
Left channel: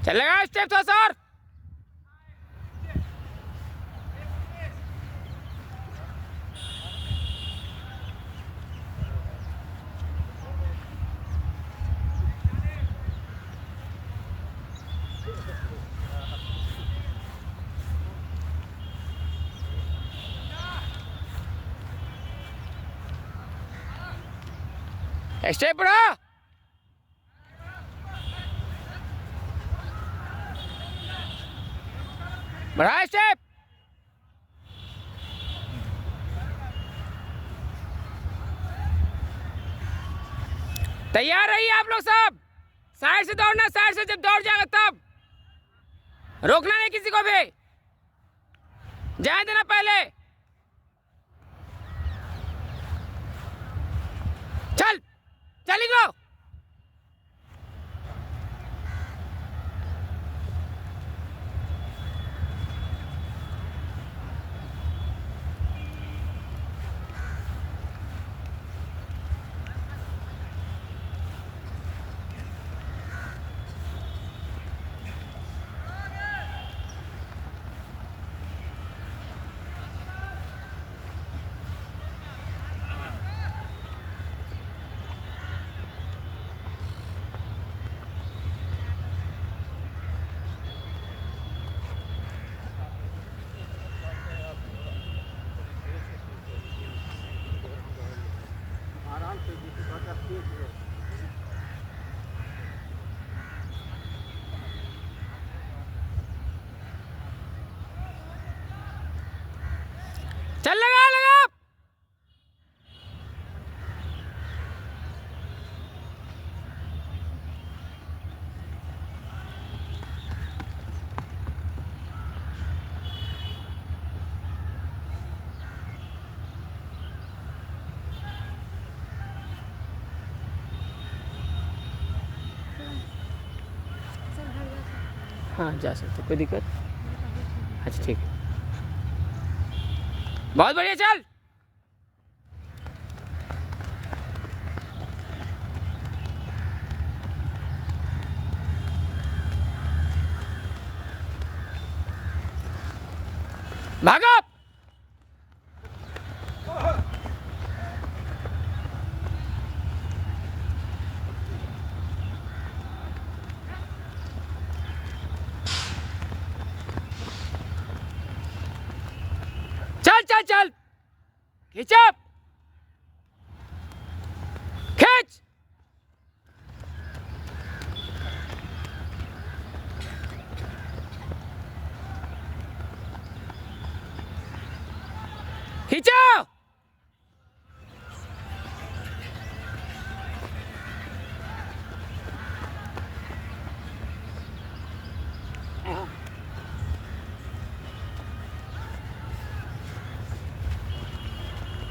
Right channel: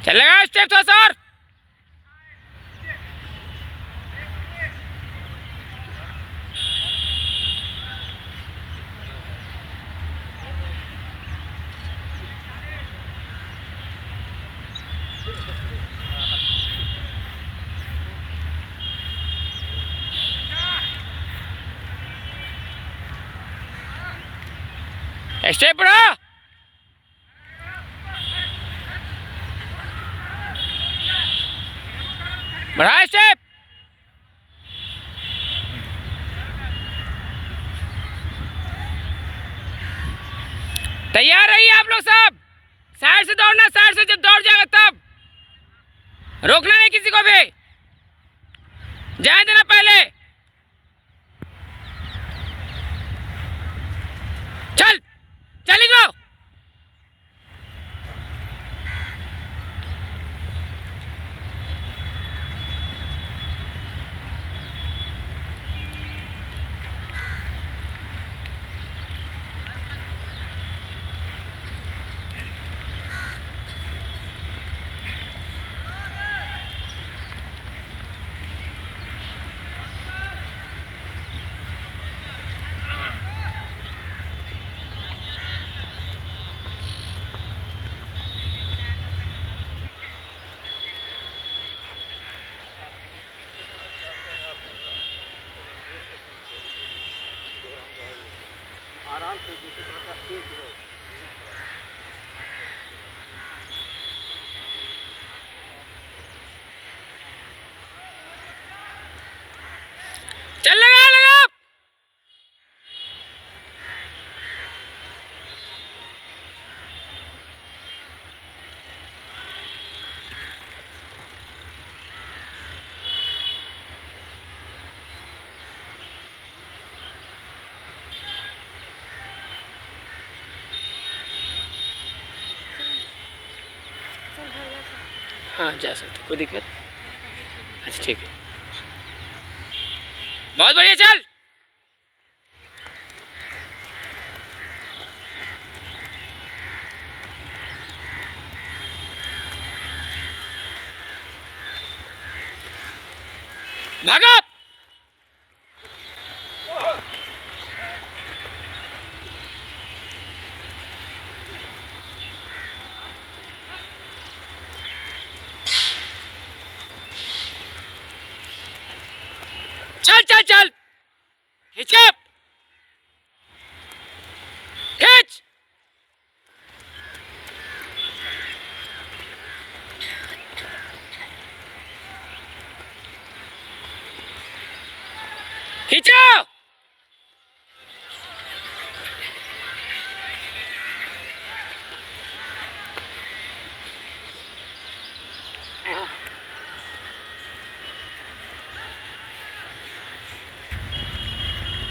चलेगा स्टेप थोड़ा सा और। स्टेप बढ़ा, बढ़ा स्टेप। तैयार रहिए आप लोग सब। साइड से दौड़ना, साइड से जब दौड़ जाएगा तब रोकना नहीं किसी को भी, जाए देना पहले। चल चली गो। चल लगा लगा। हाँ जा सकते, कोई दिक्कत। अच्छा ठीक है, बहुत बढ़िया, चल। भागो। चल चल चल, खींच खींच। खींचो।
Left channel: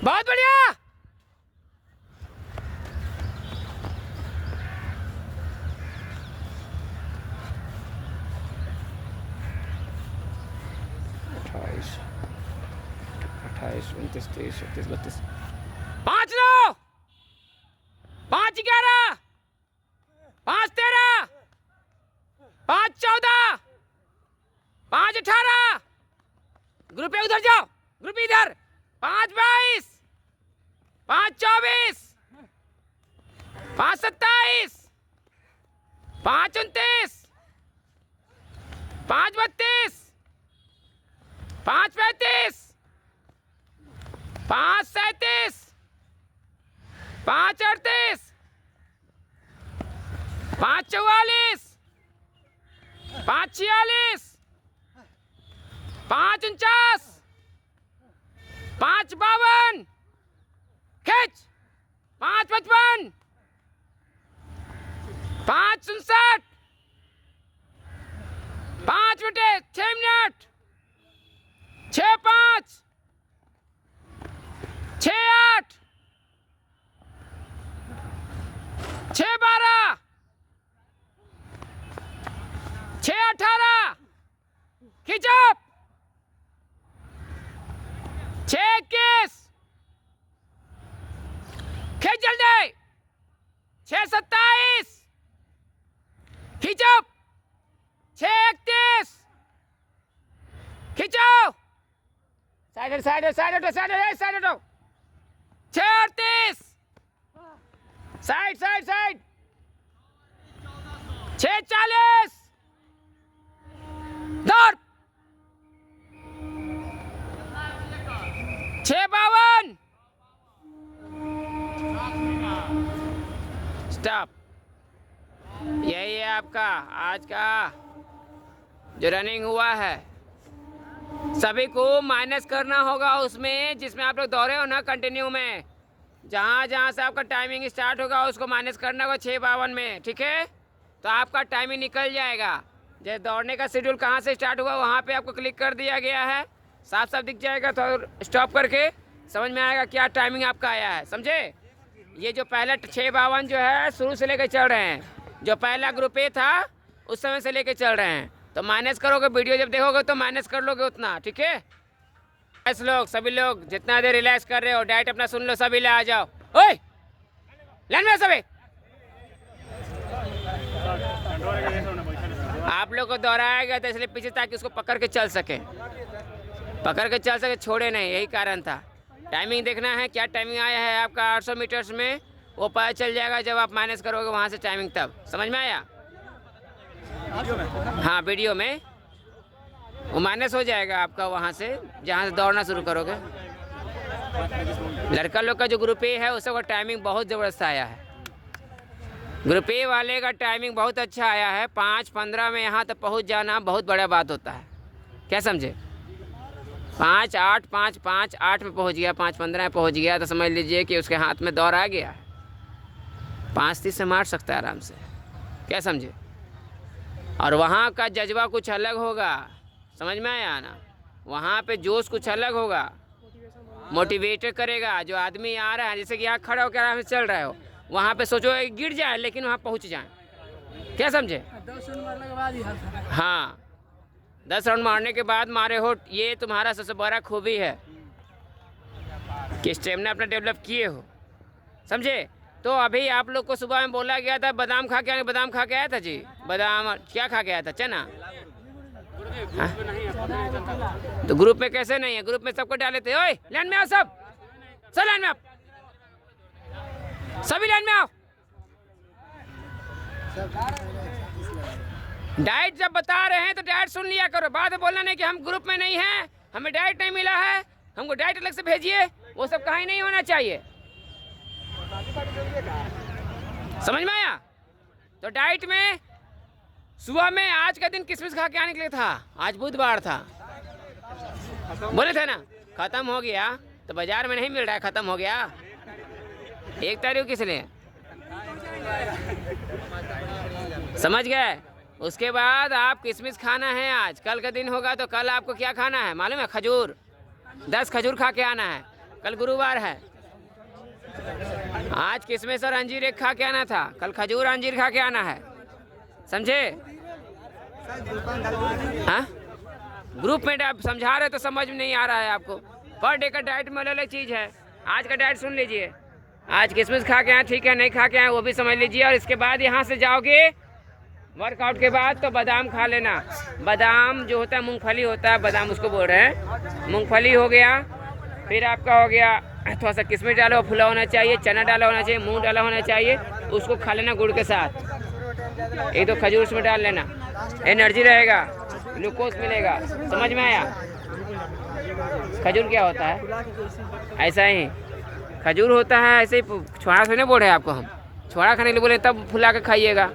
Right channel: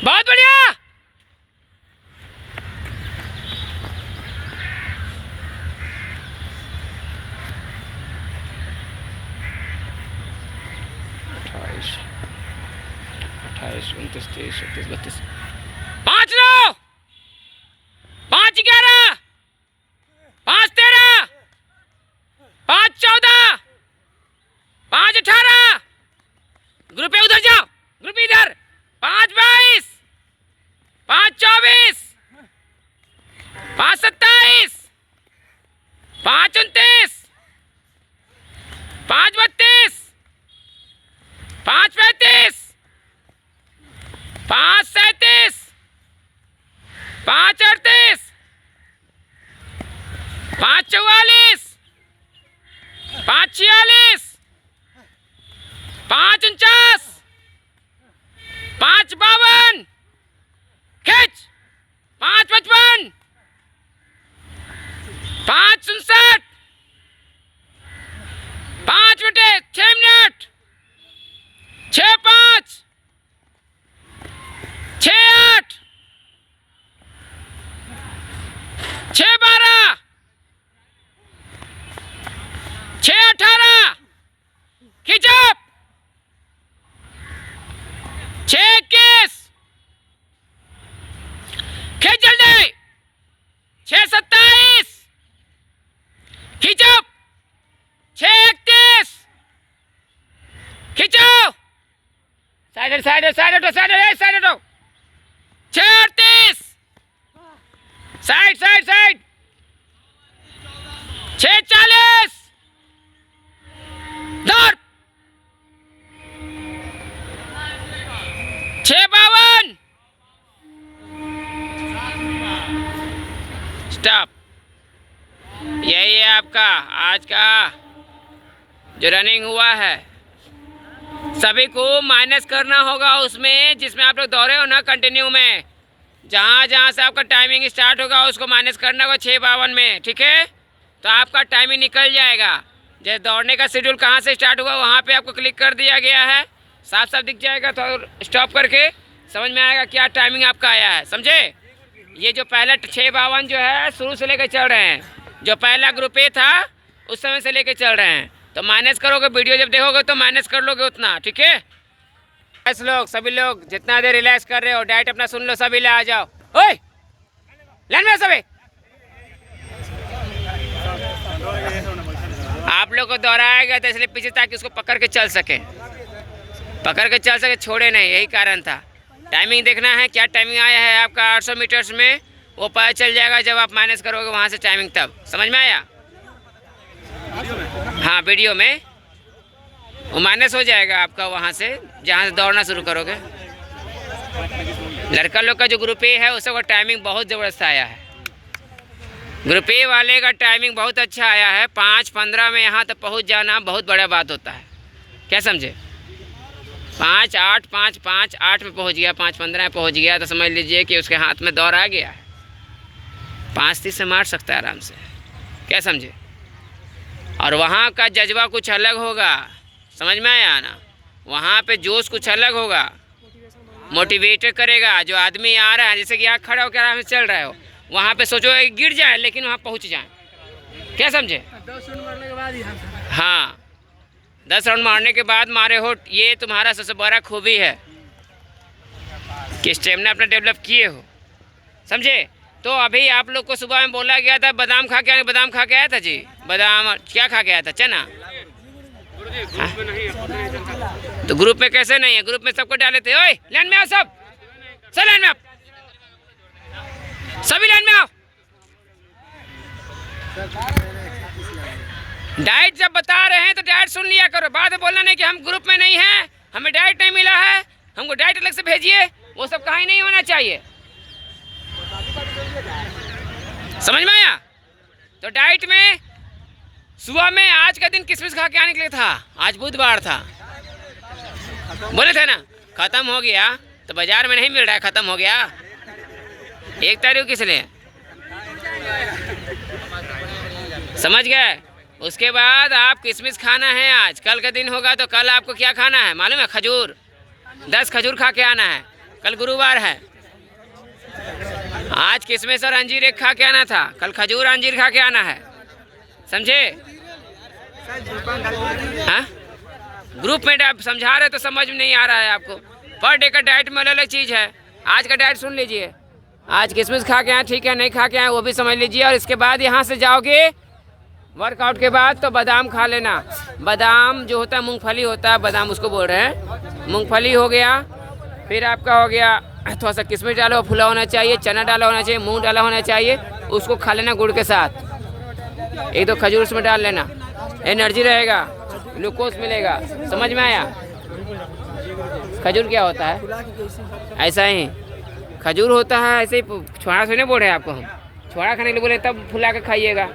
बहुत बढ़िया। अट्ठाईस, 29, 30, 31, 32, 5 9, 5 11, 5 13, 5 14, 5 18। ग्रुप पे उधर जाओ, ग्रुप इधर। 5 22, 5 24, 5 27, 5 29, 5 32, 5 35, 5 37, 5 38, 5 44, 5 46, 5 49, 5 52, खींच। 5 55, 5 59, 5 मिनट 6 मिनट, 6 5, 6 8, 6 12, 6 18, खींचो। 6 21, खींच जल्दी। 6 27, खींचो। 6 31, खींचो। साइड साइड साइड हटो, साइड साइड हटो। 6 38, साइड साइड साइड। 6 40, दौड़। 6 52, स्टॉप। यही है आपका आज का जो रनिंग हुआ है। सभी को माइनस करना होगा उसमें जिसमें आप लोग दौड़े हो ना कंटिन्यू में। जहाँ जहाँ से आपका टाइमिंग स्टार्ट होगा उसको माइनस करना होगा 6 52 में, ठीक है। तो आपका टाइमिंग निकल जाएगा। जैसे दौड़ने का शेड्यूल कहाँ से स्टार्ट हुआ वहाँ पे आपको क्लिक कर दिया गया है, साफ साफ दिख जाएगा। तो स्टॉप करके समझ में आएगा क्या टाइमिंग आपका आया है, समझे। ये जो पहला 6 52 जो है शुरू से लेकर चल रहे हैं, जो पहला ग्रुप ए था उस समय से लेकर चल रहे हैं। तो माइनस करोगे, वीडियो जब देखोगे तो माइनस कर लोगे उतना, ठीक है। ऐसे लोग सभी लोग जितना देर रिलैक्स कर रहे हो, डाइट अपना सुन लो, सभी ले आ जाओ। ओए लाइन में सभी। आप लोग को दोहराया गया था इसलिए पीछे, ताकि उसको पकड़ के चल सके, छोड़े नहीं, यही कारण था। टाइमिंग देखना है क्या टाइमिंग आया है आपका 800 मीटर्स में, वो पता चल जाएगा जब आप माइनस करोगे वहाँ से टाइमिंग, तब समझ में आया। हाँ वीडियो में वो माइनस हो जाएगा आपका वहाँ से जहाँ से दौड़ना शुरू करोगे। लड़का लोग का जो ग्रुप ए है उसका टाइमिंग बहुत ज़बरदस्त आया है। ग्रुप ए वाले का टाइमिंग बहुत अच्छा आया है। 5:15 में यहाँ तक पहुँच जाना बहुत बड़ा बात होता है, क्या समझे। 5, 8, 5, 5, 8 में पहुंच गया, 5, 15 में पहुंच गया तो समझ लीजिए कि उसके हाथ में दौर आ गया है। 5, 30 से मार सकता है आराम से, क्या समझे। और वहाँ का जज्बा कुछ अलग होगा, समझ में आया ना। वहाँ पे जोश कुछ अलग होगा, मोटिवेट करेगा। जो आदमी आ रहा है, जैसे कि यहाँ खड़ा होकर आराम से चल रहे हो, वहाँ पे सोचो गिर जाए लेकिन वहाँ पहुँच जाए, क्या समझे। 10 राउंड मारने के बाद ही हाँ, 10 राउंड मारने के बाद मारे हो, ये तुम्हारा सबसे बड़ा खूबी है कि स्टेमिना अपना डेवलप किए हो, समझे। तो अभी आप लोग को सुबह में बोला गया था बादाम खा के, बादाम खा के आया था जी। बादाम क्या खा के आया था, चना। हाँ? तो ग्रुप में कैसे नहीं है, ग्रुप में सबको डाले थे। ओए लाइन में आओ, सब लाइन में आओ, सभी लाइन में आओ। डाइट जब बता रहे हैं तो डाइट सुन लिया करो, बाद में बोलना नहीं कि हम ग्रुप में नहीं हैं, हमें डाइट नहीं मिला है, हमको डाइट अलग से भेजिए, वो सब कहीं नहीं होना चाहिए, समझ में आया। तो डाइट में सुबह में आज का दिन किशमिश खा के आने के लिए था, आज बुधवार था, बोले थे ना खत्म हो गया, तो बाजार में नहीं मिल रहा है, खत्म हो गया। 1 तारीख किस लिए, समझ गए। उसके बाद आप किशमिश खाना है, आज कल का दिन होगा तो कल आपको क्या खाना है मालूम है, खजूर। 10 खजूर खा के आना है, कल गुरुवार है। आज किशमिश और अंजीर एक खा के आना था, कल खजूर अंजीर खा के आना है, समझे। हाँ, ग्रुप में समझा रहे तो समझ में नहीं आ रहा है आपको। पर डे का डाइट में अलग अलग चीज़ है। आज का डाइट सुन लीजिए, आज किशमिश खा के आए, ठीक है, नहीं खा के आए वो भी समझ लीजिए। और इसके बाद यहाँ से जाओगे वर्कआउट के बाद तो बादाम खा लेना। बादाम जो होता है मूंगफली होता है, बादाम उसको बोल रहे हैं, मूंगफली हो गया। फिर आपका हो गया थोड़ा सा किशमिश डाला फुला होना चाहिए, चना डाला होना चाहिए, मूंग डाला होना चाहिए, उसको खा लेना गुड़ के साथ। 1-2 खजूर उसमें डाल लेना, एनर्जी रहेगा, ग्लूकोज मिलेगा, समझ में आया। खजूर क्या होता है, ऐसा ही खजूर होता है, ऐसे ही छोड़ा थोड़ी ना बोल रहे हैं आपको हम, छोड़ा खाने के लिए बोले तब फुला के खाइएगा।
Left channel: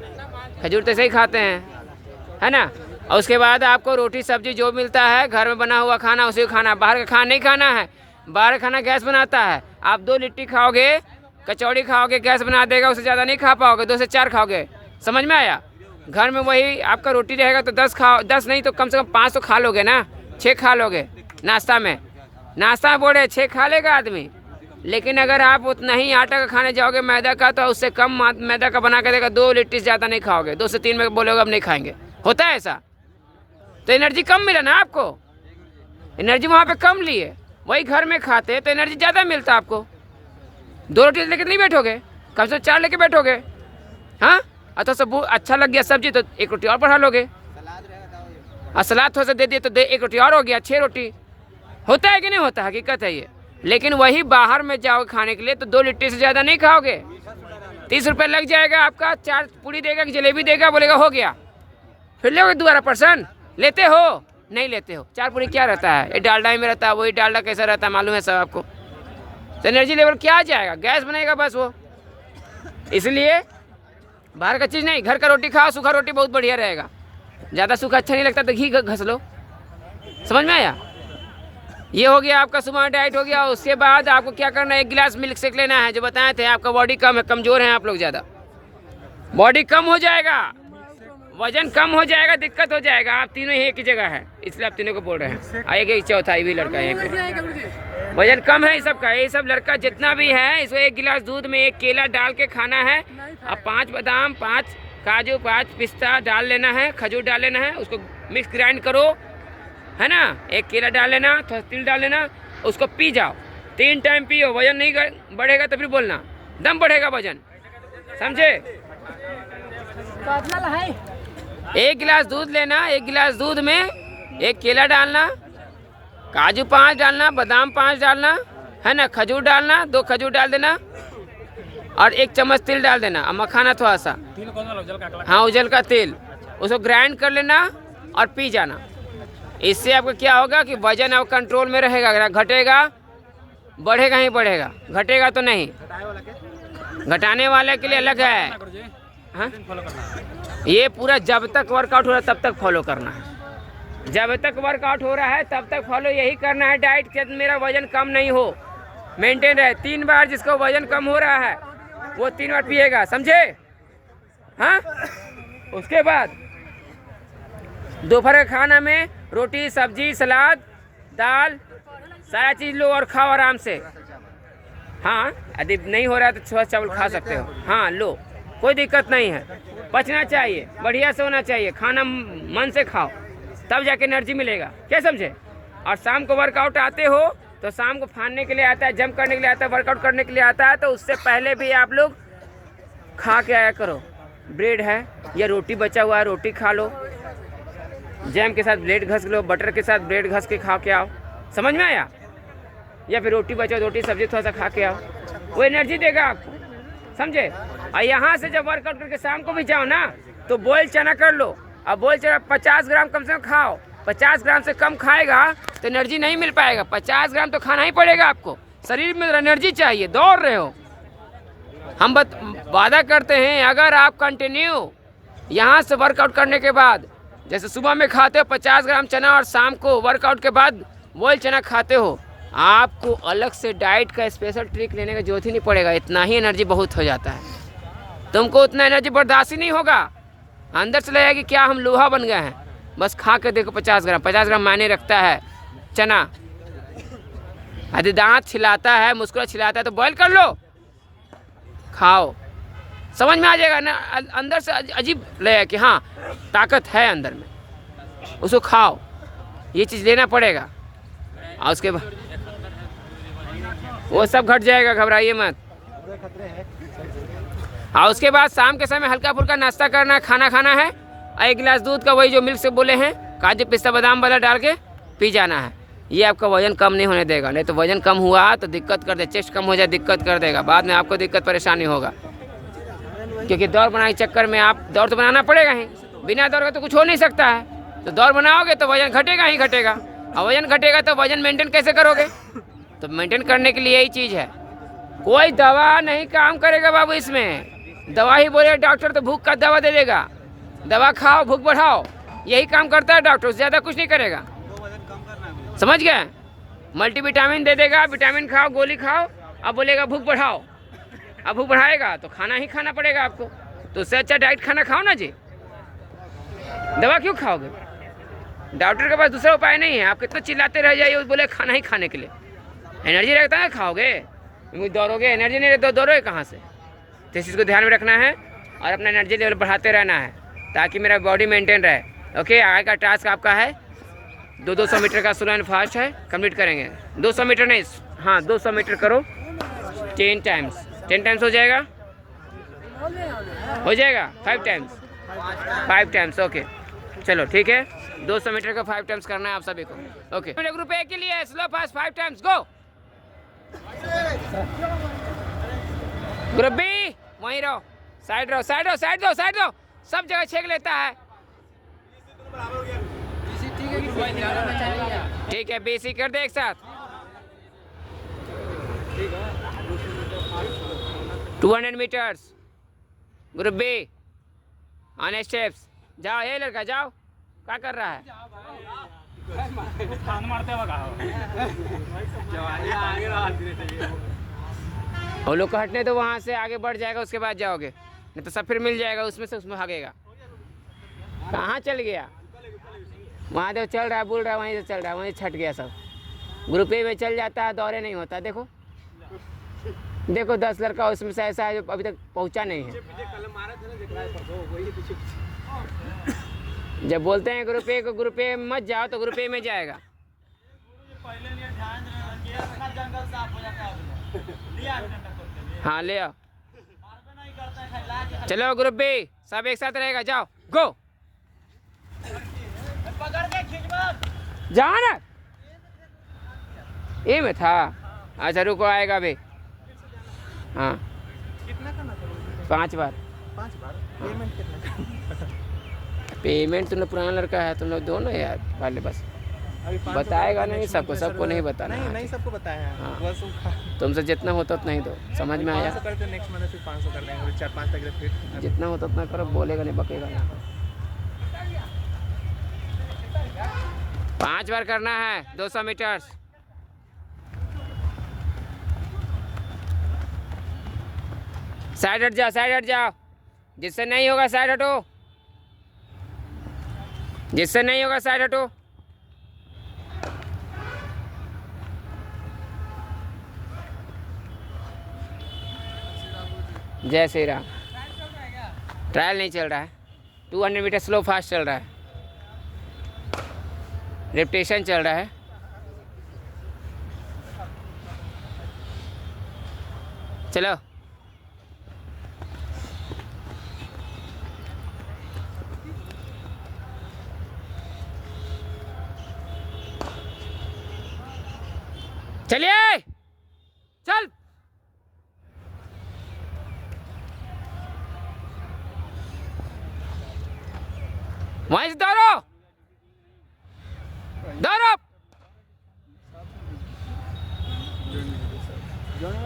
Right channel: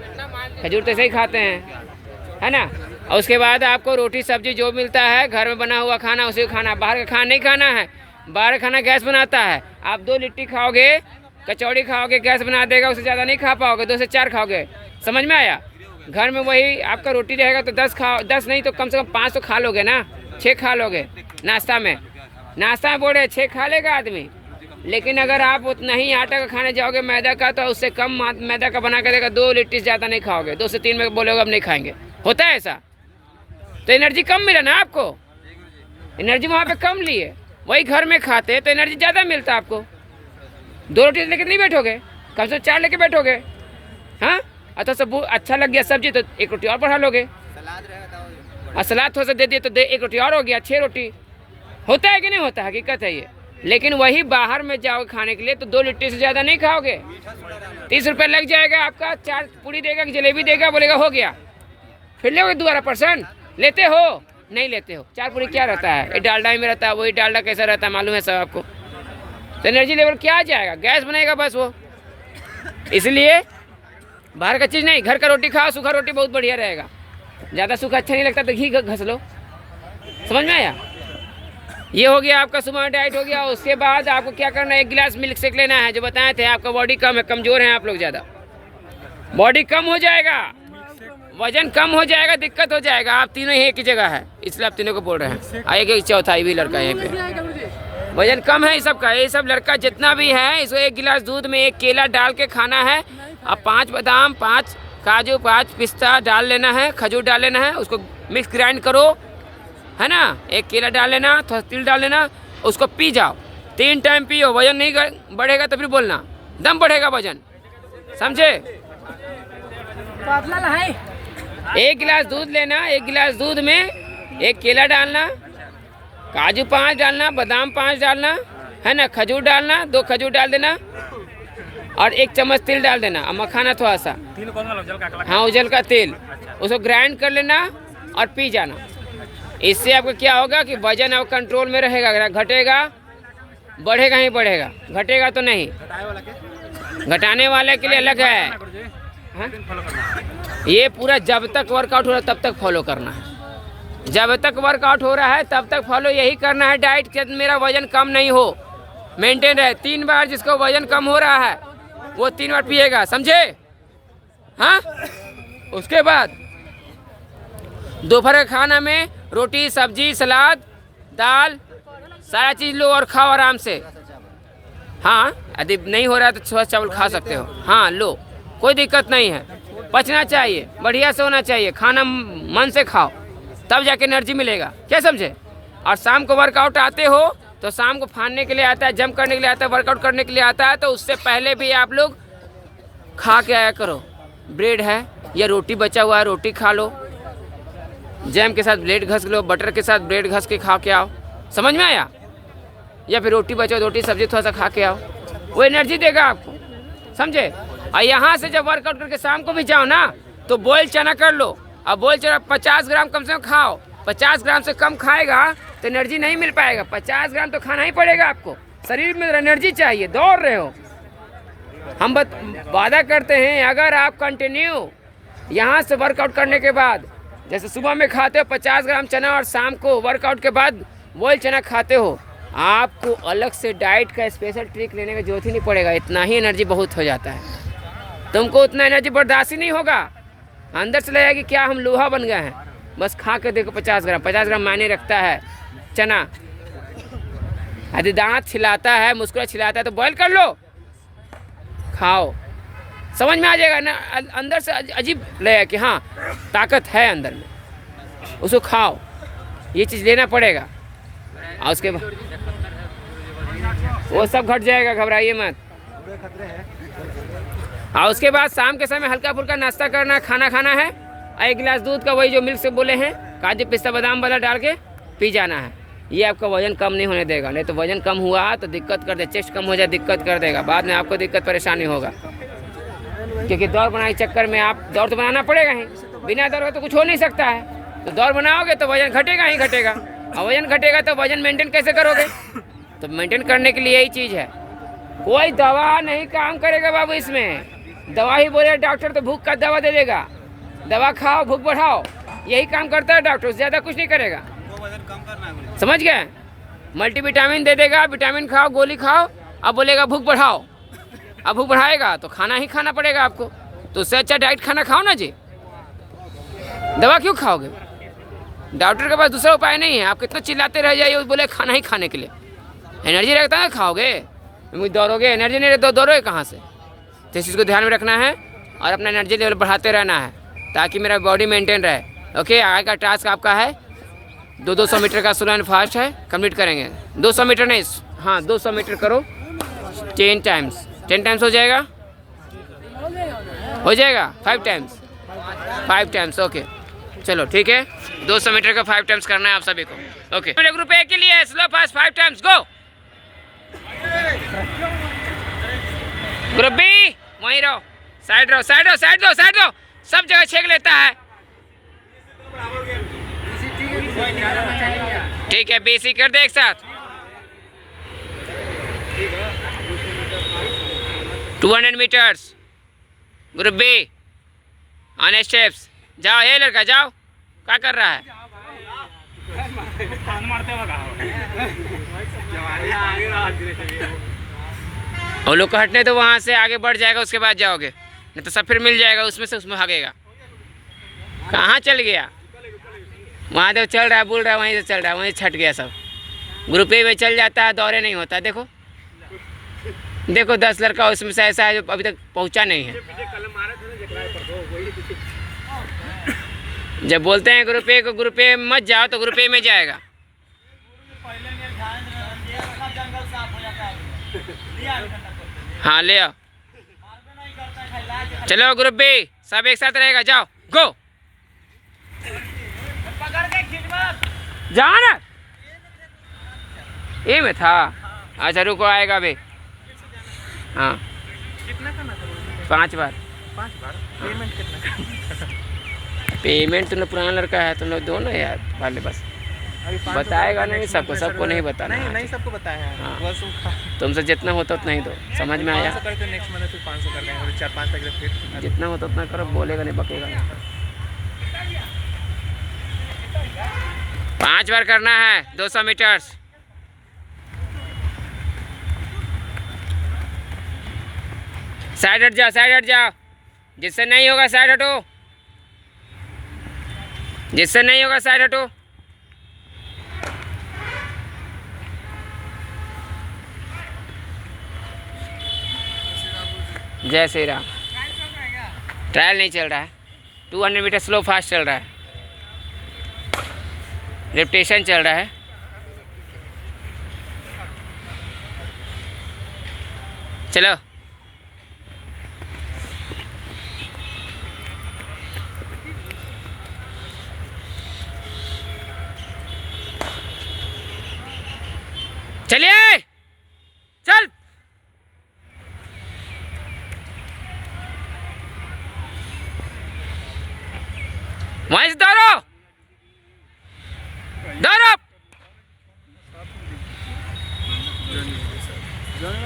खजूर तो ऐसे ही खाते हैं, है ना। और उसके बाद आपको रोटी सब्जी जो मिलता है घर में बना हुआ खाना उसी को खाना, बाहर का खाना नहीं खाना है। बाहर खाना गैस बनाता है, आप 2 लिट्टी खाओगे, कचौड़ी खाओगे, गैस बना देगा, उससे ज़्यादा नहीं खा पाओगे, 2 से 4 खाओगे, समझ में आया। घर में वही आपका रोटी रहेगा तो 10 खाओ, 10 नहीं तो कम से कम 5 तो खा लोगे ना, 6 खा लोगे नाश्ता में। नाश्ता में बोले 6 खा लेगा आदमी, लेकिन अगर आप उतना ही आटा का खाने जाओगे मैदा का, तो उससे कम मैदा का बना कर देगा, 2 लिट्टी से ज़्यादा नहीं खाओगे, 2 से 3 में बोलोगे अब नहीं खाएंगे, होता है ऐसा। तो एनर्जी कम मिला ना आपको, एनर्जी वहाँ पे कम लिए। वही घर में खाते तो एनर्जी ज़्यादा मिलता आपको। 2 रोटी लेके नहीं बैठोगे, कम से 4 लेके बैठोगे। हाँ, अच्छा सब अच्छा लग गया सब्जी तो 1 रोटी और बढ़ा लोगे, और सलाद थोड़ा सा दे दिए तो 1 रोटी और हो गया, 6 रोटी। होता है कि नहीं होता, हकीकत है ये। लेकिन वही बाहर में जाओगे खाने के लिए तो 2 लिट्टी से ज़्यादा नहीं खाओगे, 30 रुपये लग जाएगा आपका। 4 पूड़ी देगा कि जलेबी देगा, बोलेगा हो गया, फिर लोगे दोबारा पर्सन लेते हो, नहीं लेते हो। 4 पूड़ी क्या रहता है, ये डालडा ही में रहता है, वही डालडा कैसा रहता है मालूम है सब आपको। तो एनर्जी लेवल क्या आ जाएगा, गैस बनेगा बस वो। इसलिए बाहर का चीज़ नहीं, घर का रोटी खाओ, सूखा रोटी बहुत बढ़िया रहेगा। ज़्यादा सूखा अच्छा नहीं लगता तो घी घस लो, समझ में आया। ये हो गया आपका सुबह डाइट हो गया। उसके बाद आपको क्या करना है, 1 गिलास मिल्क शेक लेना है। जो बताए थे, आपका बॉडी कम है, कमज़ोर हैं आप लोग ज़्यादा, बॉडी कम हो जाएगा, वजन कम हो जाएगा, दिक्कत हो जाएगा। आप तीनों ही एक ही जगह है, इसलिए आप तीनों को बोल रहे हैं। आएगा चौथा, ये भी लड़का यहीं पे वजन कम है, सबका ये सब लड़का जितना भी है, इसको 1 गिलास दूध में 1 केला डाल के खाना है। अब 5 बादाम, 5 काजू, 5 पिस्ता डाल लेना है, खजूर डाल लेना है, उसको मिक्स ग्राइंड करो, है ना। 1 केला डाल लेना, थोड़ा तिल डाल लेना, उसको पी जाओ, 3 टाइम पियो। वजन नहीं बढ़ेगा तो फिर बोलना, दम बढ़ेगा वजन, समझे। 1 गिलास दूध लेना, 1 गिलास दूध में 1 केला डालना, काजू 5 डालना, बादाम 5 डालना, है ना, खजूर डालना, 2 खजूर डाल देना, और 1 चम्मच तिल डाल देना, और मखाना थोड़ा सा, हाँ उजल का तेल, उसको ग्राइंड कर लेना और पी जाना। इससे आपको क्या होगा कि वजन अब कंट्रोल में रहेगा, घटेगा, बढ़ेगा ही बढ़ेगा, घटेगा तो नहीं। घटाने वाले के लिए अलग है, हाँ? ये पूरा जब तक वर्कआउट हो रहा तब तक फॉलो करना है, जब तक वर्कआउट हो रहा है तब तक फॉलो यही करना है डाइट के, मेरा वजन कम नहीं हो, मेंटेन रहे। 3 बार जिसको वजन कम हो रहा है वो 3 बार पिएगा, समझे? हाँ, उसके बाद दोपहर के खाना में रोटी सब्जी सलाद दाल सारा चीज़ लो और खाओ आराम से। हाँ, यदि नहीं हो रहा है तो थोड़ा चावल खा सकते हो। हाँ लो, कोई दिक्कत नहीं है। पचना चाहिए, बढ़िया से होना चाहिए, खाना मन से खाओ तब जाके एनर्जी मिलेगा, क्या समझे? और शाम को वर्कआउट आते हो तो शाम को फाड़ने के लिए आता है, जंप करने के लिए आता है, वर्कआउट करने के लिए आता है, तो उससे पहले भी आप लोग खा के आया करो। ब्रेड है या रोटी बचा हुआ है, रोटी खा लो, जैम के साथ ब्रेड घस लो, बटर के साथ ब्रेड घस के खा के आओ, समझ में आया? या फिर रोटी बचा, रोटी सब्जी थोड़ा सा खा के आओ, वो एनर्जी देगा आपको, समझे? और यहाँ से जब वर्कआउट करके शाम को भी जाओ ना तो बॉयल चना कर लो। अब बॉयल चना 50 ग्राम कम से कम खाओ। 50 ग्राम से कम खाएगा तो एनर्जी नहीं मिल पाएगा। 50 ग्राम तो खाना ही पड़ेगा आपको, शरीर में एनर्जी चाहिए, दौड़ रहे हो। हम वादा करते हैं अगर आप कंटिन्यू यहाँ से वर्कआउट करने के बाद, जैसे सुबह में खाते हो 50 ग्राम चना और शाम को वर्कआउट के बाद बॉयल चना खाते हो, आपको अलग से डाइट का स्पेशल ट्रिक लेने का जरूरत ही नहीं पड़ेगा। इतना ही एनर्जी बहुत हो जाता है। तुमको उतना एनर्जी बर्दाश्त ही नहीं होगा, अंदर से लगेगा कि क्या हम लोहा बन गए हैं। बस खा के देखो 50 ग्राम मायने रखता है चना। यदि दांत छिलाता है, मुस्कुरा छिलाता है तो बॉयल कर लो, खाओ, समझ में आ जाएगा ना। अंदर से अजीब लगेगा कि हाँ ताकत है अंदर में, उसको खाओ, ये चीज़ लेना पड़ेगा। और उसके बाद वो सब घट जाएगा, घबराइए मत। और उसके बाद शाम के समय हल्का फुल्का नाश्ता करना, खाना खाना है, और 1 गिलास दूध का वही जो मिल्क से बोले हैं, काजू पिस्ता बादाम वाला डाल के पी जाना है। ये आपका वजन कम नहीं होने देगा, नहीं तो वजन कम हुआ तो दिक्कत कर दे, चेस्ट कम हो जाए दिक्कत कर देगा, बाद में आपको दिक्कत परेशानी होगा। क्योंकि दौड़ बनाने के चक्कर में आप दौड़ तो बनाना पड़ेगा ही, बिना दौड़ के तो कुछ हो नहीं सकता है। तो दौड़ बनाओगे तो वजन घटेगा ही घटेगा, और वजन घटेगा तो वजन मेंटेन कैसे करोगे? तो मेंटेन करने के लिए यही चीज़ है। कोई दवा नहीं काम करेगा बाबू इसमें। दवा ही बोले डॉक्टर तो भूख का दवा दे देगा, दवा खाओ भूख बढ़ाओ, यही काम करता है डॉक्टर, उससे ज़्यादा कुछ नहीं करेगा, समझ गए? मल्टीविटामिन दे देगा, विटामिन खाओ, गोली खाओ, अब बोलेगा भूख बढ़ाओ। अब भूख बढ़ाएगा तो खाना ही खाना पड़ेगा आपको, तो उससे अच्छा डाइट खाना खाओ ना जी। दवा क्यों खाओगे? डॉक्टर के पास दूसरा उपाय नहीं है। आप कितना चिल्लाते रह जाइए, बोले खाना ही खाने के लिए। एनर्जी रहता है खाओगे, दौड़ोगे, एनर्जी नहीं रहती तो दौड़ोगे कहाँ से? तो इस चीज़ को ध्यान में रखना है और अपना एनर्जी लेवल बढ़ाते रहना है ताकि मेरा बॉडी मेंटेन रहे। ओके, आगे का टास्क आपका है 200 मीटर का स्लो एंड फास्ट है, कंप्लीट करेंगे। 200 मीटर नहीं, हाँ 200 मीटर करो 10 टाइम्स। 10 टाइम्स हो जाएगा? हो जाएगा 5 टाइम्स? 5 टाइम्स, ओके चलो ठीक है। 200 मीटर का 5 टाइम्स करना है आप सभी को। ओके, ग्रुप ए के लिए स्लो फास्ट 5 टाइम्स, गो। ग्रुप बी वहीं रहो, साइड रहो, साइड रहो, साइड दो, साइड दो, सब जगह छेक लेता है। ठीक है, बीसी कर दे एक साथ। 200 metres group B on steps. जाओ, ये लड़का जाओ, क्या कर रहा है? और लोग को हटने तो वहाँ से आगे बढ़ जाएगा, उसके बाद जाओगे, नहीं तो सब फिर मिल जाएगा, उसमें से उसमें भागेगा। कहाँ चल गया? वहाँ तो चल रहा है, बोल रहा है, वहीं से चल रहा है, वहीं से छट गया सब। ग्रुप ए में चल जाता है, दौरे नहीं होता। देखो देखो 10 लड़का उसमें से ऐसा है जो अभी तक पहुँचा नहीं है। जब बोलते हैं ग्रुप ए को, ग्रुप ए मत जाओ तो ग्रुप ए में जाएगा। हाँ ले आओ, चलो ग्रुप बी सब एक साथ रहेगा, जाओ गो, जाओ ना। ए में था, अच्छा रुको आएगा अभी। हाँ 5 बार। 5 बार पेमेंट कितना करना? पेमेंट तुम लोग पुराना लड़का है, तुम लोग दो ना यार वाले, बस बताएगा नहीं सबको, सबको नहीं बताना। नहीं सबको बताया है। हाँ। बस तुमसे जितना होता उतना ही दो, समझ में आया? 500 करके नेक्स्ट महीने फिर 500 कर देंगे, 4-5 तक फिर जितना होता उतना करो, बोलेगा नहीं बकेगा नहीं। 5 बार करना है 200 मीटर्स। साइड हट जाओ, साइड हट जाओ। जिससे नहीं होगा साइड हटो, जिससे नहीं होगा साइड हटो। जय श्री राम। ट्रायल नहीं चल रहा है, 200 मीटर स्लो फास्ट चल रहा है, रेपिटेशन चल रहा है। चलो चलिए, चल। वहीं से दौड़ो, दौड़ो।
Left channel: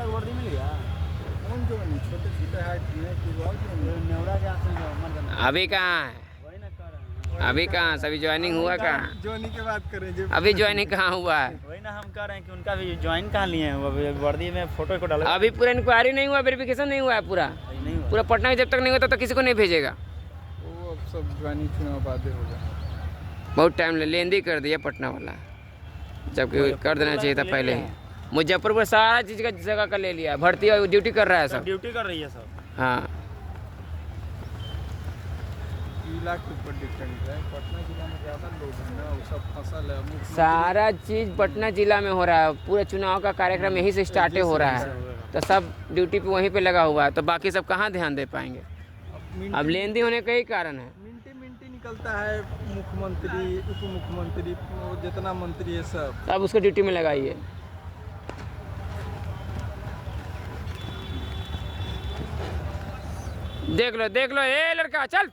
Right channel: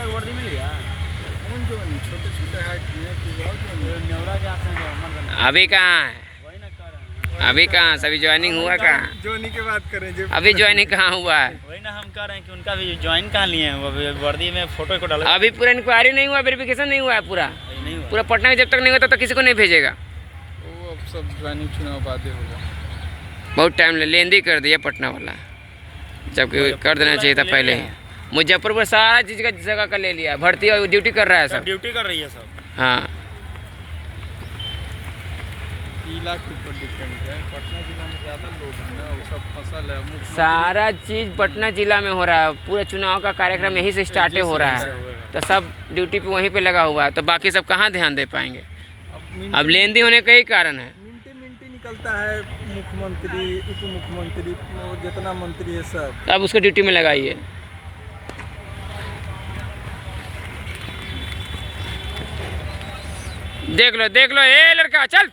वर्दी मिल गया कौन जो छोटे छोटे हाइट अभी कहाँ है, अभी कहाँ, सभी ज्वाइनिंग हुआ कहाँ? जोनी की बात करें जो अभी ज्वाइनिंग कहाँ हुआ है? वही ना हम कह रहे हैं कि उनका भी ज्वाइन कहाँ लिए हैं, अभी वर्दी में फोटो को डाला अभी पूरा इंक्वायरी नहीं हुआ, वेरिफिकेशन नहीं हुआ है पूरा। नहीं हुआ। पूरा पटना में जब तक नहीं होता तो किसी को नहीं भेजेगा। वो अब सब ज्वाइनिंग चुनाव बाद होगा। बहुत टाइम लेंदी कर दिया पटना वाला, जबकि कर देना चाहिए था पहले ही। मुजफ्फरपुर सारा चीज़ का जगह का ले लिया, भर्ती और ड्यूटी कर रहा है सब। ड्यूटी कर रही है सब। हाँ, लाख के ऊपर डिपेंड है। पटना जिला में ज़्यादा लोग हैं ना, वो सब फसल है। सारा चीज़ पटना जिला में हो रहा है। पूरा चुनाव का कार्यक्रम यहीं से स्टार्ट हो रहा है, तो सब ड्यूटी पे वहीं पे लगा हुआ है, तो बाकी सब कहाँ ध्यान दे पाएंगे? अब लेंदी होने का ही कारण है। मिनटी निकलता है, मुख्यमंत्री, उप मुख्यमंत्री, जितना मंत्री है सब। अब उसको ड्यूटी में लगाइए। देख लो ए लड़का, चल।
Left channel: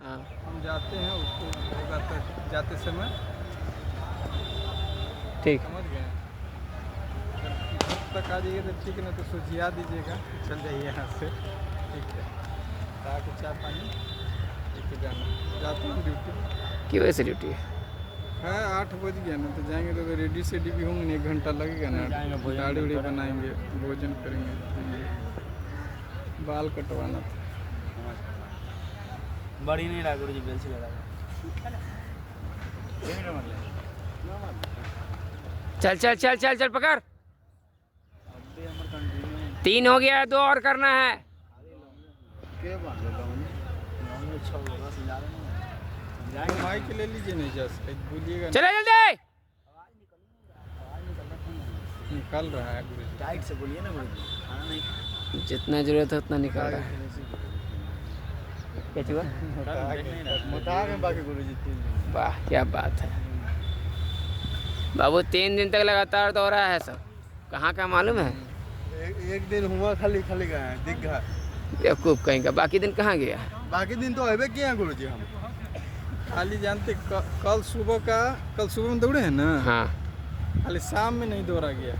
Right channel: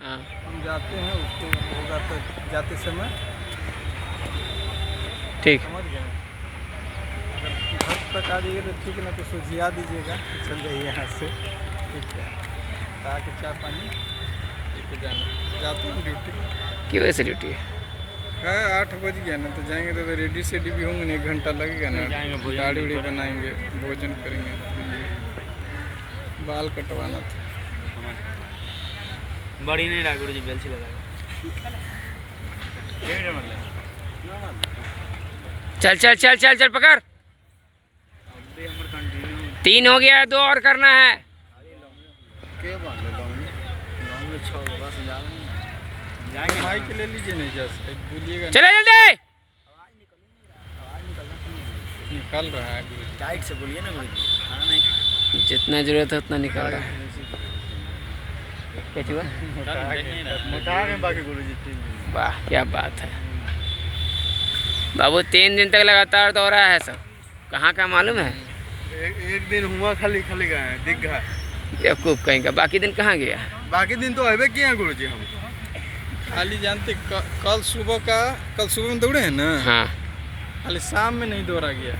हाँ, हम जाते हैं, उसको होगा तो जाते समय ठीक। समझ गए। घर तक आ जाइएगा तो ठीक, ना तो सुझिया दीजिएगा, चल जाइए यहाँ से। ठीक है, ताकि चाय पानी लेके जाना। जाते हैं ड्यूटी की वजह से ड्यूटी है। हाँ, 8 बज गया ना, तो जाएंगे तो रेडी सेडी भी होंगे, 1 घंटा लगेगा ना। गाड़ी उड़ी बनाएंगे, भोजन करेंगे, बाल कटवाना था। बड़ी नहीं रहा गुरु जी, बेलची लगा। चल चल चल चल चल, पकड़। 3 हो गया है, 2 और करना है। माइक ले लीजिए, नहीं जा सकते, बोलिएगा। चले जल्दी। निकल रहा है गुरु जी, टाइट से बोलिए ना गुरु जी। जितना जरूरत है उतना निकल रहा है। क्या हुआ? मोटा गए बाकी गुरु जी 3 दिन। वाह, क्या बात है बाबू, 3 दिन तक लगातार दौड़ा है सब। कहाँ का मालूम है? एक दिन हुआ खाली गए दीघा। बेवकूफ़ कहीं का। बाकी दिन कहाँ गया? बाकी दिन तो अबे किए हैं गुरु जी। हम खाली जानते कल सुबह में दौड़े हैं ना। हाँ, खाली शाम में नहीं दौड़ा गया।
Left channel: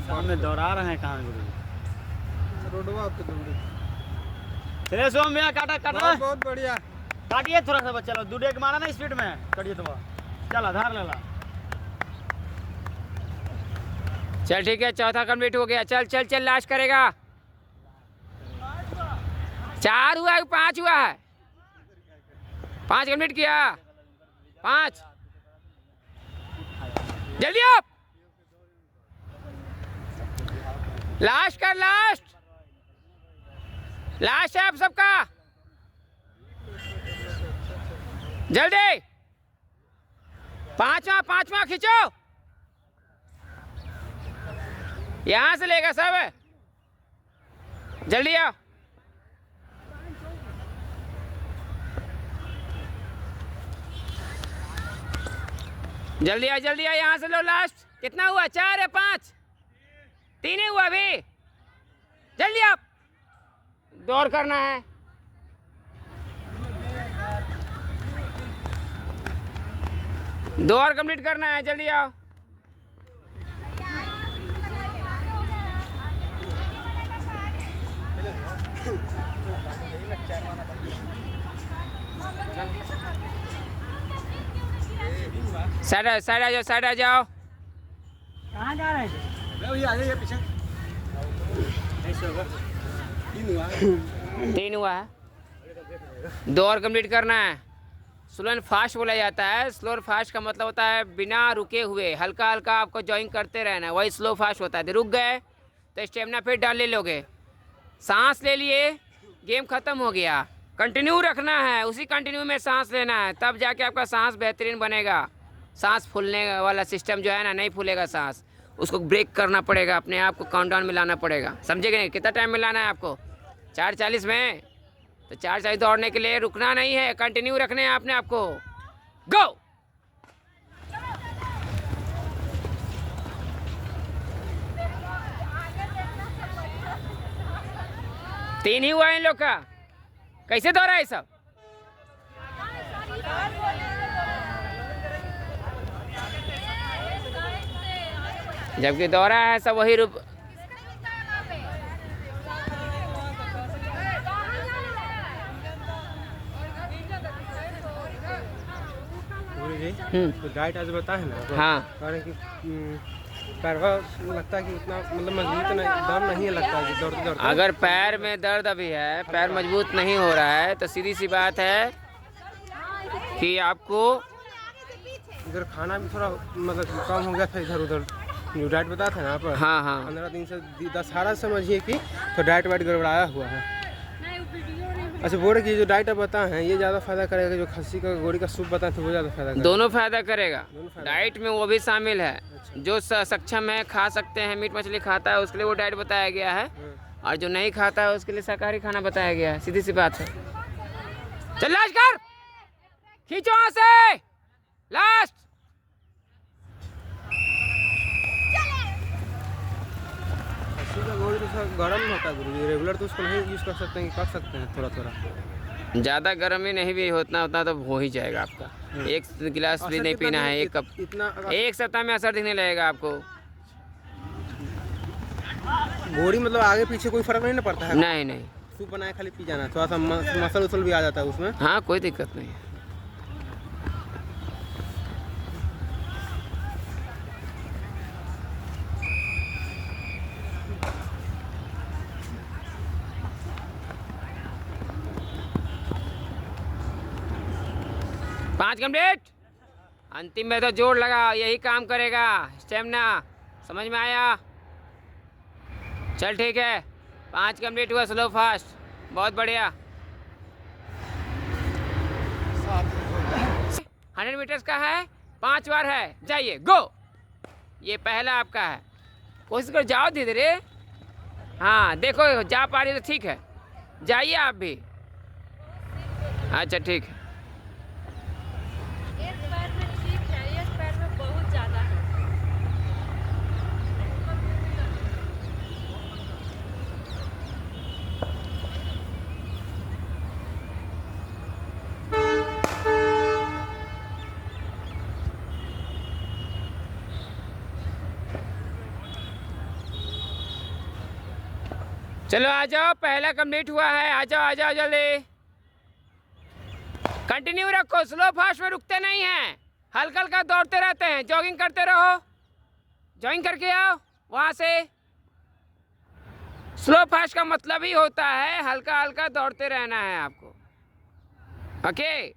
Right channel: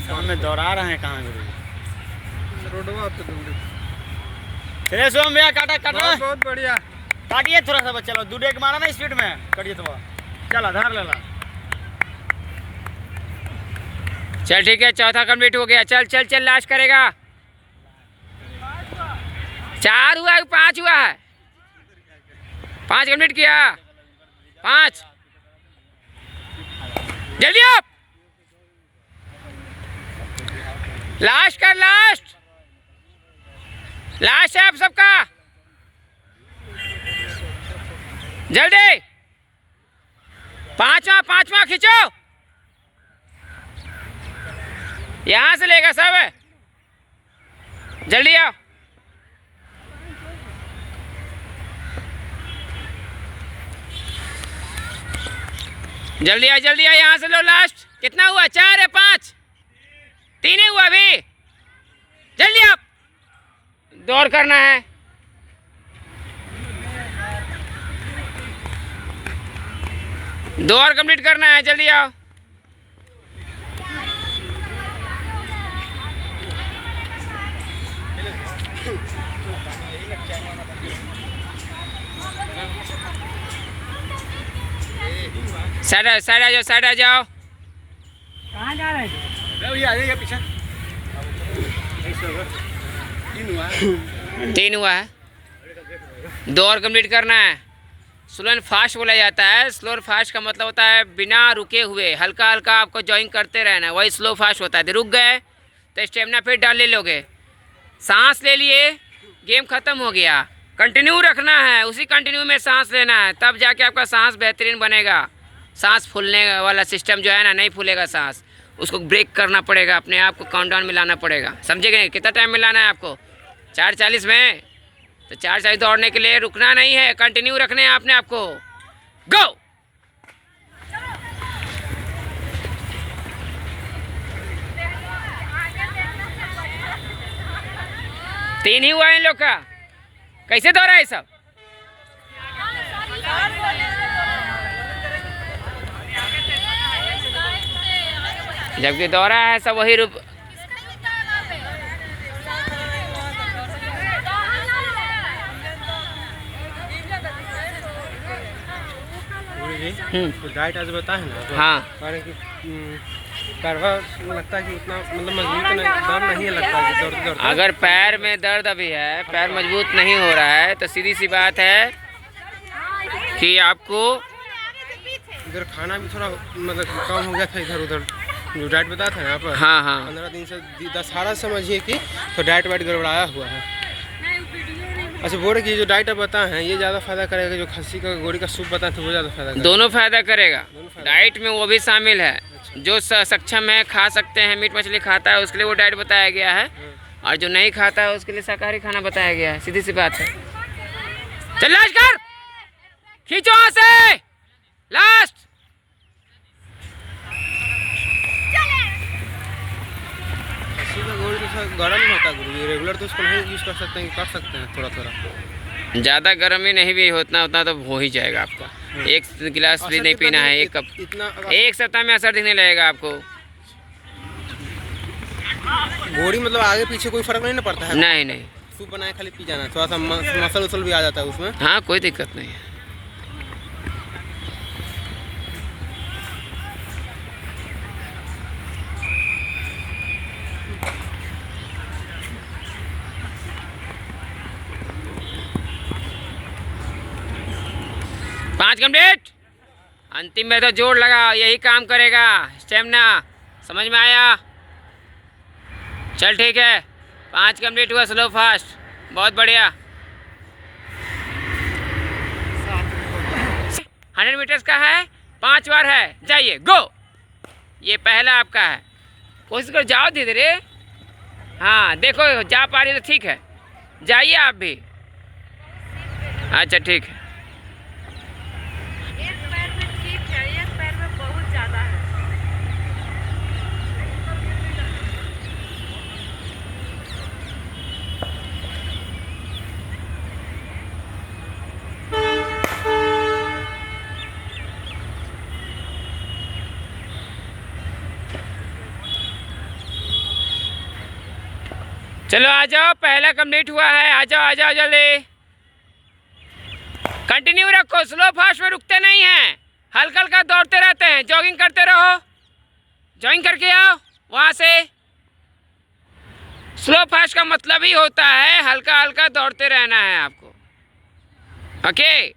शाम में दौड़ा रहे हैं कहाँ गुरु जी? रोडवा पे दौड़े। चलिए सोम भैया, काटा बहुत बढ़िया। काटिए थोड़ा सा बच्चा लोग, दूध एक मारा ना स्पीड में, करिए तो चला धार लेला। चल ठीक है, चौथा कंप्लीट हो गया। चल चल चल, लास्ट करेगा। 4 हुआ है, 5 हुआ है? 5 कंप्लीट किया। 5 जल्दी आप, लास्ट कर, लास्ट है आप सबका, जल्दी। 5वां खींचो, यहां से लेगा सब, जल्दी आओ। जल्दी आ, यहाँ से लो। लास्ट कितना हुआ? 4 है, 5, 3 ही हुआ अभी। जल्दी आप, दौड़ करना है। दौड़ कंप्लीट करना है, जल्दी आओ। साइड आ जाओ, साइड आ जाओ। कहाँ जा रहे थे? ये आ जाइए पीछे। 3 हुआ है, 2 और कंप्लीट करना है। स्लो एंड फास्ट बोला जाता है। स्लो और फास्ट का मतलब होता है बिना रुके हुए हल्का हल्का आपको जॉइंग करते रहना है, वही स्लो फास्ट होता है। रुक गए तो स्टेमिना फिर डाल ले लोगे। सांस ले लिए, गेम ख़त्म हो गया। कंटिन्यू रखना है, उसी कंटिन्यू में सांस लेना है, तब जाके आपका सांस बेहतरीन बनेगा। सांस फूलने वाला सिस्टम जो है ना, नहीं फूलेगा सांस, उसको ब्रेक करना पड़ेगा, अपने आप को काउंटडाउन में लाना पड़ेगा। समझे कि नहीं? कितना टाइम में लाना है आपको? 4:40 में। तो 4:40 दौड़ने के लिए रुकना नहीं है, कंटिन्यू रखने हैं आपने आपको। गो। तीन ही हुआ इन लोग का। कैसे दौड़ा है सब? जबकि दौड़ा है सब वही रूप। तो डाइट आज बताए ना तो हाँ, कि पैरवा लगता है कि उतना मतलब मजबूत नहीं, दम नहीं लगता है दौड़ते दौड़ते। अगर पैर में दर्द अभी है, पैर मजबूत नहीं हो रहा है, तो सीधी सी बात है कि आपको इधर खाना भी थोड़ा मतलब कम हो गया था इधर उधर। जो डाइट बताया था यहाँ पर, हाँ हाँ 15 दिन से 10-12 समझिए कि तो डाइट वाइट गड़बड़ाया हुआ है। अच्छा बोल कि जो डाइट आप बताए हैं ये ज़्यादा फायदा करेगा, जो खस्सी का गोड़ी का सूप बताए थे वो ज़्यादा फायदा करेगा? दोनों फायदा करेगा। दोनों फायदा। डाइट में वो भी शामिल है। जो सक्षम है, खा सकते हैं, मीट मछली खाता है, उसके लिए वो डाइट बताया गया है, और जो नहीं खाता है उसके लिए शाकाहारी खाना बताया गया है। सीधी सी बात है। चल लास्ट कर, खींचो वहां से, लास्ट। खस्सी का गोड़ी तो थोड़ा गर्म होता है गुरु, रेगुलर तो उसको नहीं यूज़ कर सकते हैं, कर सकते हैं थोड़ा थोड़ा। ज़्यादा गर्मी नहीं भी होता तो हो ही जाएगा आपका। 1 गिलास भी नहीं पीना है, 1 कप। इतना 1 सप्ताह में असर दिखने लगेगा आपको। गोड़ी मतलब आगे पीछे कोई फर्क नहीं ना पड़ता है? नहीं नहीं, सूप बनाए खाली पी जाना है, थोड़ा सा मसल उसल भी आ जाता है उसमें। हाँ कोई दिक्कत नहीं है। पाँच कंप्लीट। अंतिम में तो जोर लगा, यही काम करेगा स्टेमिना। समझ में आया? चल ठीक है, 5 कंप्लीट हुआ स्लो फास्ट, बहुत बढ़िया। 100 मीटर्स का है, 5 बार है, जाइए गो। ये पहला आपका है, कोशिश कर जाओ धीरे धीरे। हाँ देखो जा पा रही तो ठीक है, जाइए आप भी। अच्छा ठीक है। एक पैर में ठीक है, एक पैर में बहुत ज़्यादा है। चलो आ जाओ, पहला कंप्लीट हुआ है। आ जाओ आ जाओ जल्दी। कंटिन्यू रखो, स्लो फास्ट में रुकते नहीं हैं, हल्का हल्का दौड़ते रहते हैं, जॉगिंग करते रहो। जॉगिंग करके आओ वहाँ से। स्लो फास्ट का मतलब ही होता है हल्का हल्का दौड़ते रहना है आपको। ओके,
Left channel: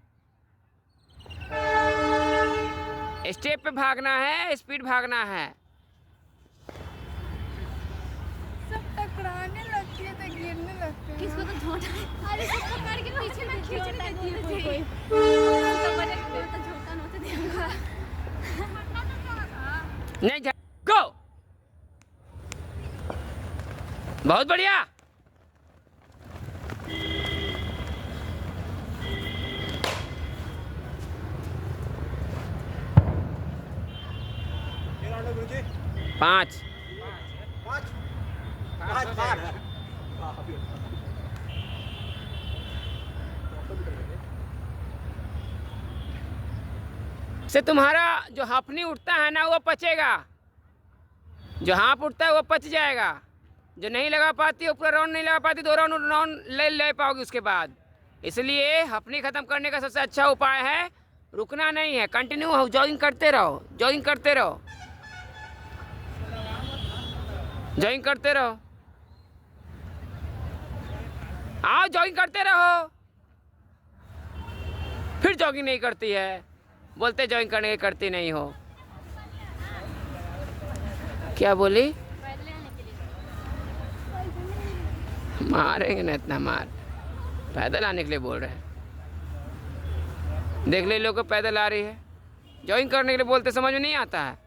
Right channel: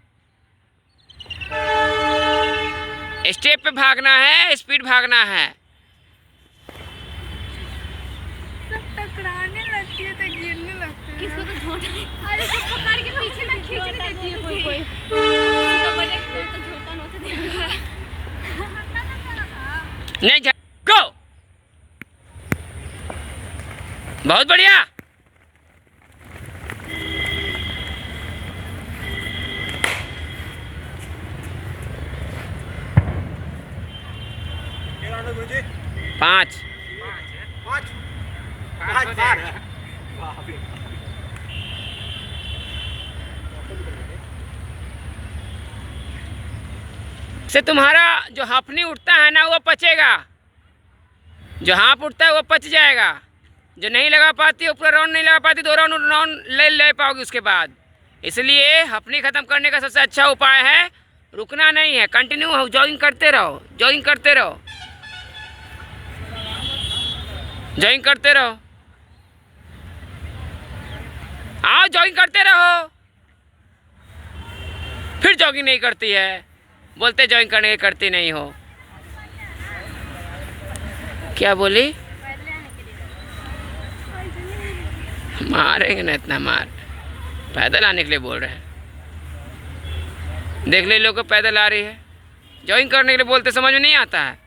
स्टेप पे भागना है, स्पीड भागना है। सब टकराने लगती है तो गिरने लगती है। किसको तो झोंटा, अरे सब पकड़ के पीछे में खींचने देती है कोई कोई। तो बड़े कोई तो झोंटा नोट देगा। नहीं जा, गो। बहुत बढ़िया। पाँच। से तुम्हारा जो हाफनी उठता है ना वो पचेगा, जो हाफ उठता है वो पच जाएगा। जो नहीं लगा पाती, ऊपर राउंड नहीं लगा पाती, 2 राउंड ले पाओगे उसके बाद। इसलिए हाफनी ख़त्म करने का सबसे अच्छा उपाय है रुकना नहीं है, कंटिन्यू हो, जॉगिंग करते रहो, जॉगिंग करते रहो, जॉगिंग करते रहो, आओ जॉगिंग करते रहो। फिर जॉगिंग नहीं करती है, बोलते जॉगिंग करने की करती नहीं हो। क्या बोली? मारेंगे ना इतना मार, पैदल आने के लिए बोल रहे हैं। देख ले लोग को पैदल आ रही है, जॉगिंग करने के लिए बोलते, समझ में नहीं आता है।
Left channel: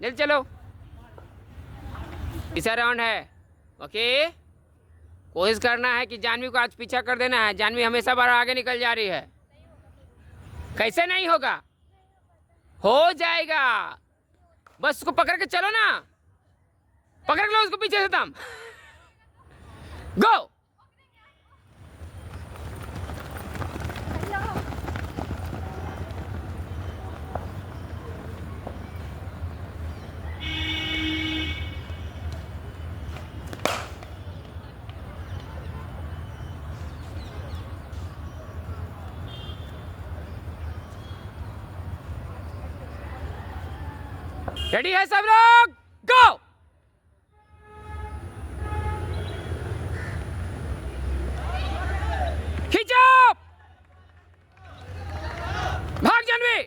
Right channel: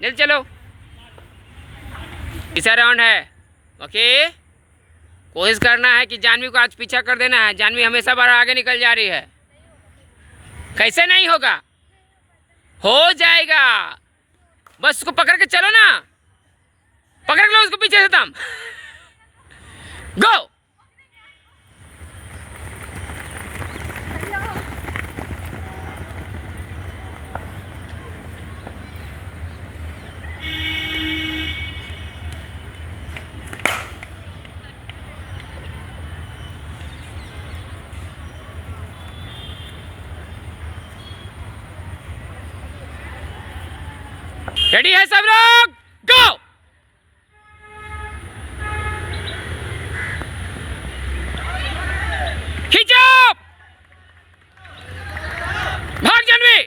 जल्दी चलो, तीसरा राउंड है। ओके, कोशिश करना है कि जानवी को आज पीछा कर देना है। जानवी हमेशा बार आगे निकल जा रही है, कैसे नहीं होगा, हो जाएगा। बस उसको पकड़ के चलो ना, पकड़ लो उसको पीछे से तुम। गो। रेडी है सब लोग? गो। खींचो, भाग जानवी।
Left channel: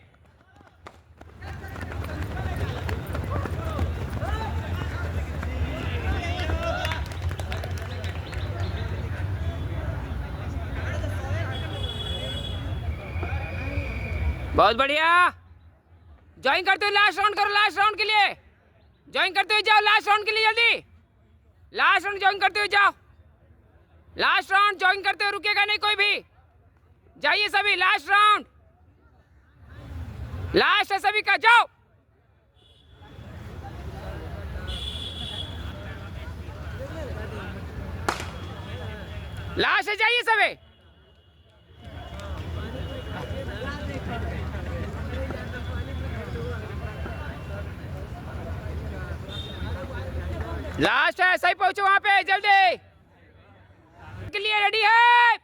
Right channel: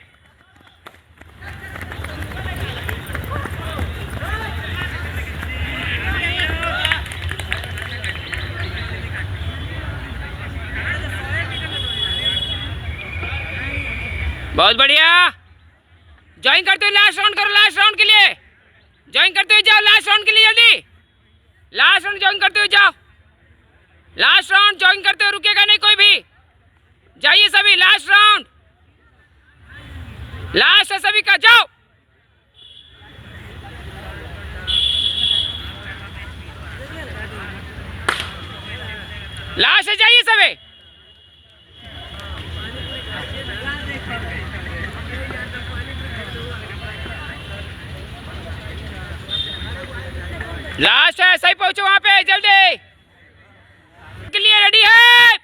बहुत बढ़िया, ज्वाइन करते हुए लास्ट राउंड करो, लास्ट राउंड के लिए ज्वाइन करते हुए जाओ, लास्ट राउंड के लिए जल्दी, लास्ट राउंड ज्वाइन करते हुए जाओ, लास्ट राउंड ज्वाइन करते हुए रुकेगा नहीं कोई भी, जाइए सभी, लास्ट राउंड, लास्ट है सभी का, जाओ। लास्ट है, जाइए सभी। लास्ट है, सही पहुंचो वहां पे जल्दी, के लिए रेडी है,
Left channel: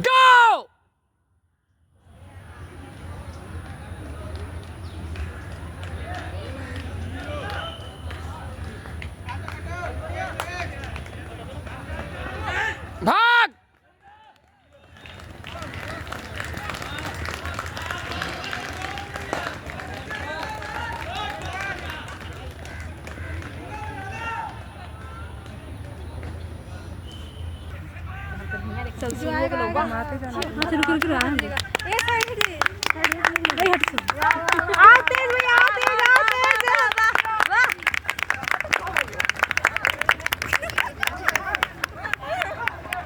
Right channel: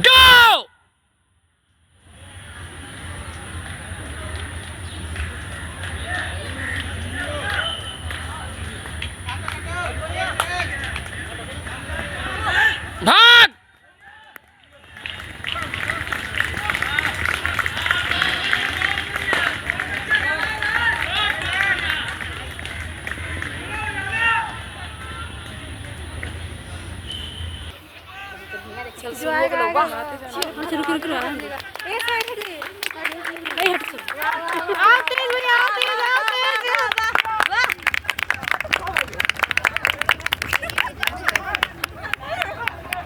गो। भाग। रुक रुक रुक, आते हुए